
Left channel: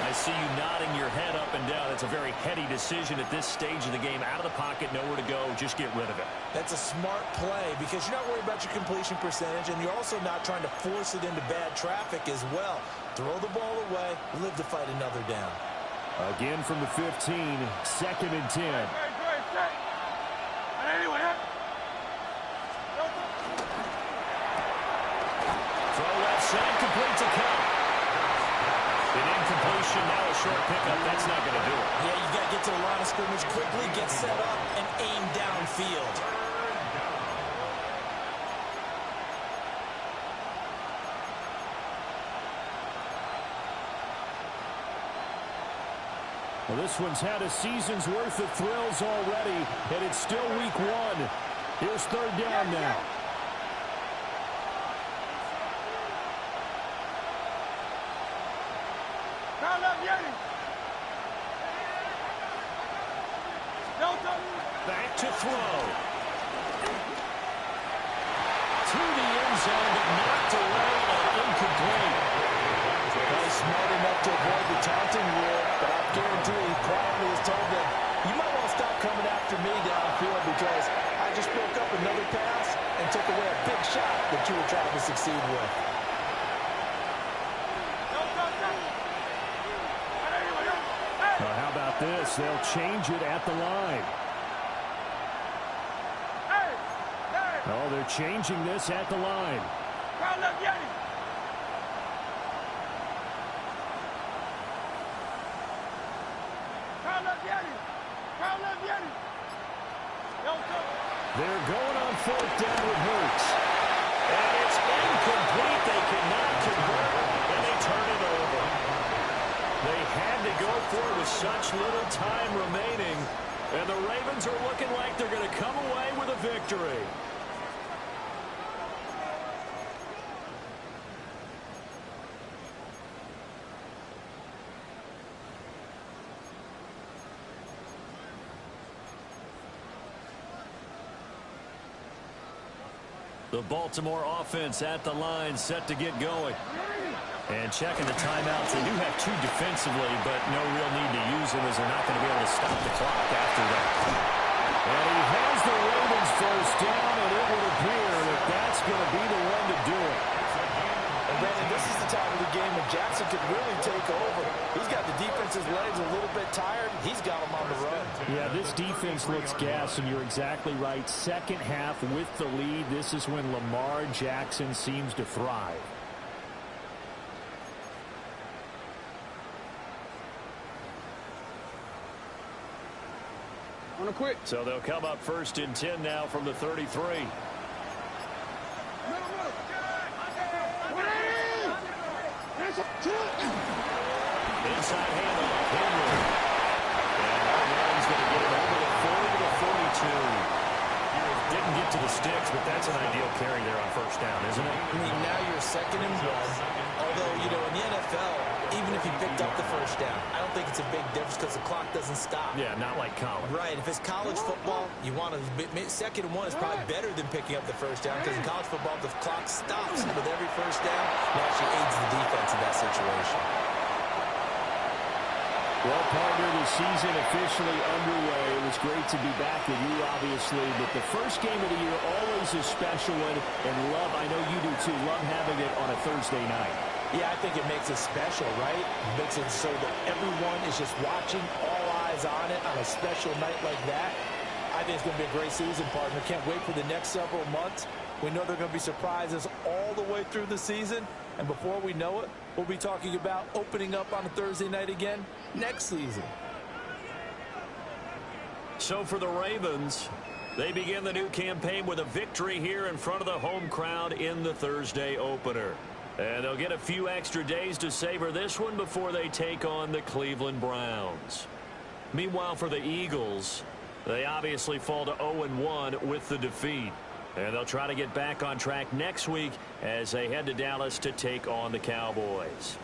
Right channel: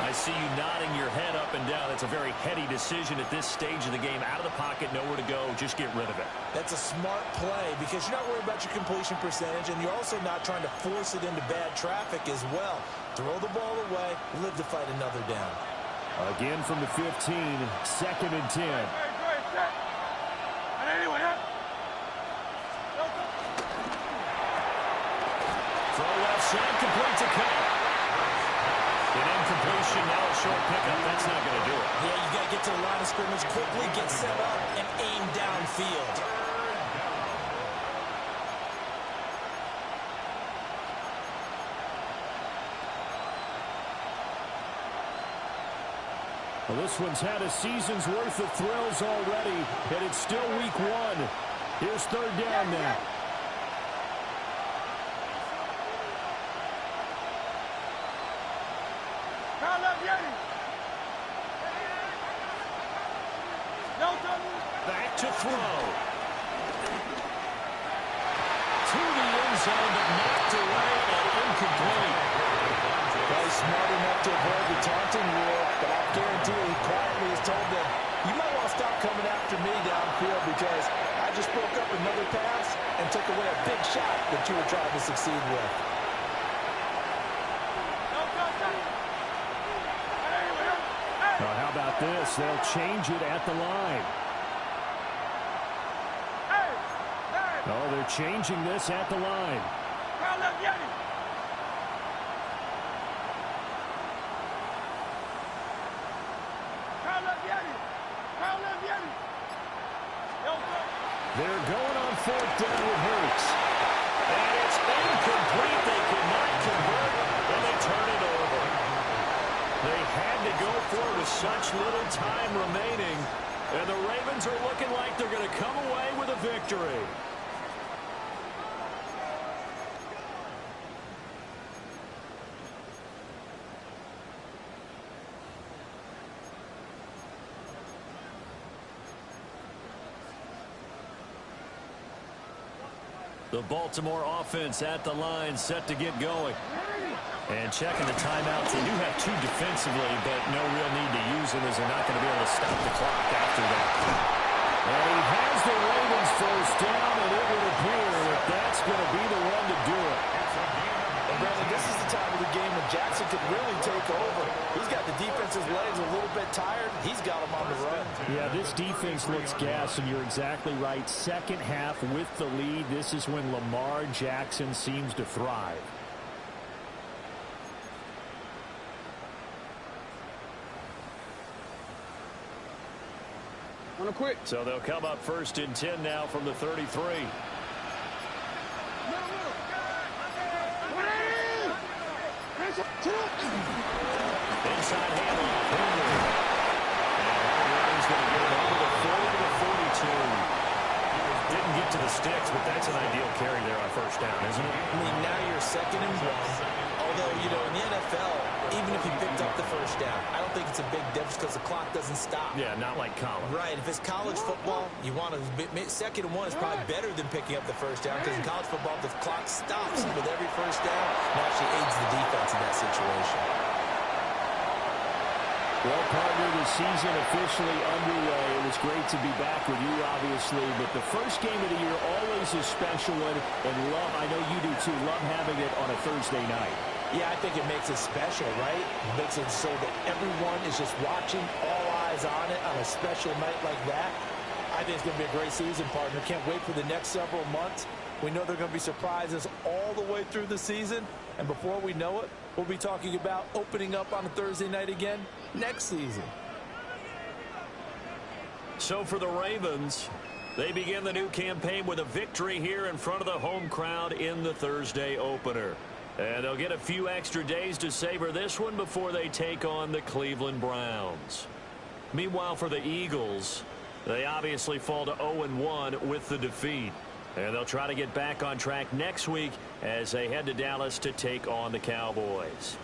I see you nodding your head up and down. It's a very heady decision at this stage of the game. Out of the pocket, nowhere to go. Just get rid of it. That's a smart play because you're not worried about your completion percentage, and you're also not trying to force it into bad traffic as well. Throw the ball away, live to fight another down. Again from the 15, 2nd and 10. Throw left side, complete to Cup. An incompletion, now a short pickup. That's not going to do it. Yeah, you got to get to the line of scrimmage quickly, get set up, and aim downfield. Well, this one's had a season's worth of thrills already, and it's still week 1. Here's 3rd down now. Back to throw. To the end zone, but knocked away and incomplete. Probably smart enough to avoid the taunting rule, but I guarantee he quietly has told them, you might want to stop coming after me downfield because I just broke up another pass and took away a big shot that you were trying to succeed with. Well, how about this? They'll change it at the line. Oh, they're changing this at the line. They're going on 4th down with Hurts. And it's incomplete. They cannot convert, and they turn it over. They had to go for it with such little time remaining. And the Ravens are looking like they're going to come away with a victory. The Baltimore offense at the line, set to get going. And checking the timeouts. They do have 2 defensively, but no real need to use them as they're not going to be able to stop the clock after that. And he has the Ravens 1st down, and it would appear that that's going to be the one to do it. And Brandon, this is the time of the game when Jackson could really take over. He's got the defense's legs a little bit tired. He's got them on the run. Yeah, this defense looks gassed, and you're exactly right. 2nd half with the lead. This is when Lamar Jackson seems to thrive. On a quick. So they'll come up 1st and 10 now from the 33. Inside handoff, Henry. And Ryan's going to get it over the 40 to the 42. Didn't get to the sticks, but that's an ideal carry there on 1st down, isn't it? I mean, now you're 2nd and 1. Although, you know, in the NFL, even if you picked up the 1st down, I don't think it's a big difference because the clock doesn't stop. Yeah, not like college. Right. If it's college football, you want to 2nd and 1 is probably better than picking up the 1st down because in college football, the clock stops with every 1st down and actually aids the defense in that situation. Well, partner, the season officially underway. It was great to be back with you, obviously, but the first game of the year always a special one, and love, I know you do too, love having it on a Thursday night. Yeah, I think it makes it special, right? It makes it so that everyone is just watching, all eyes on it on a special night like that. I think it's going to be a great season, partner. Can't wait for the next several months. We know there are going to be surprises all the way through the season, and before we know it, we'll be talking about opening up on a Thursday night again next season. So for the Ravens, they begin the new campaign with a victory here in front of the home crowd in the Thursday opener. And they'll get a few extra days to savor this one before they take on the Cleveland Browns. Meanwhile, for the Eagles, they obviously fall to 0-1 with the defeat. And they'll try to get back on track next week as they head to Dallas to take on the Cowboys.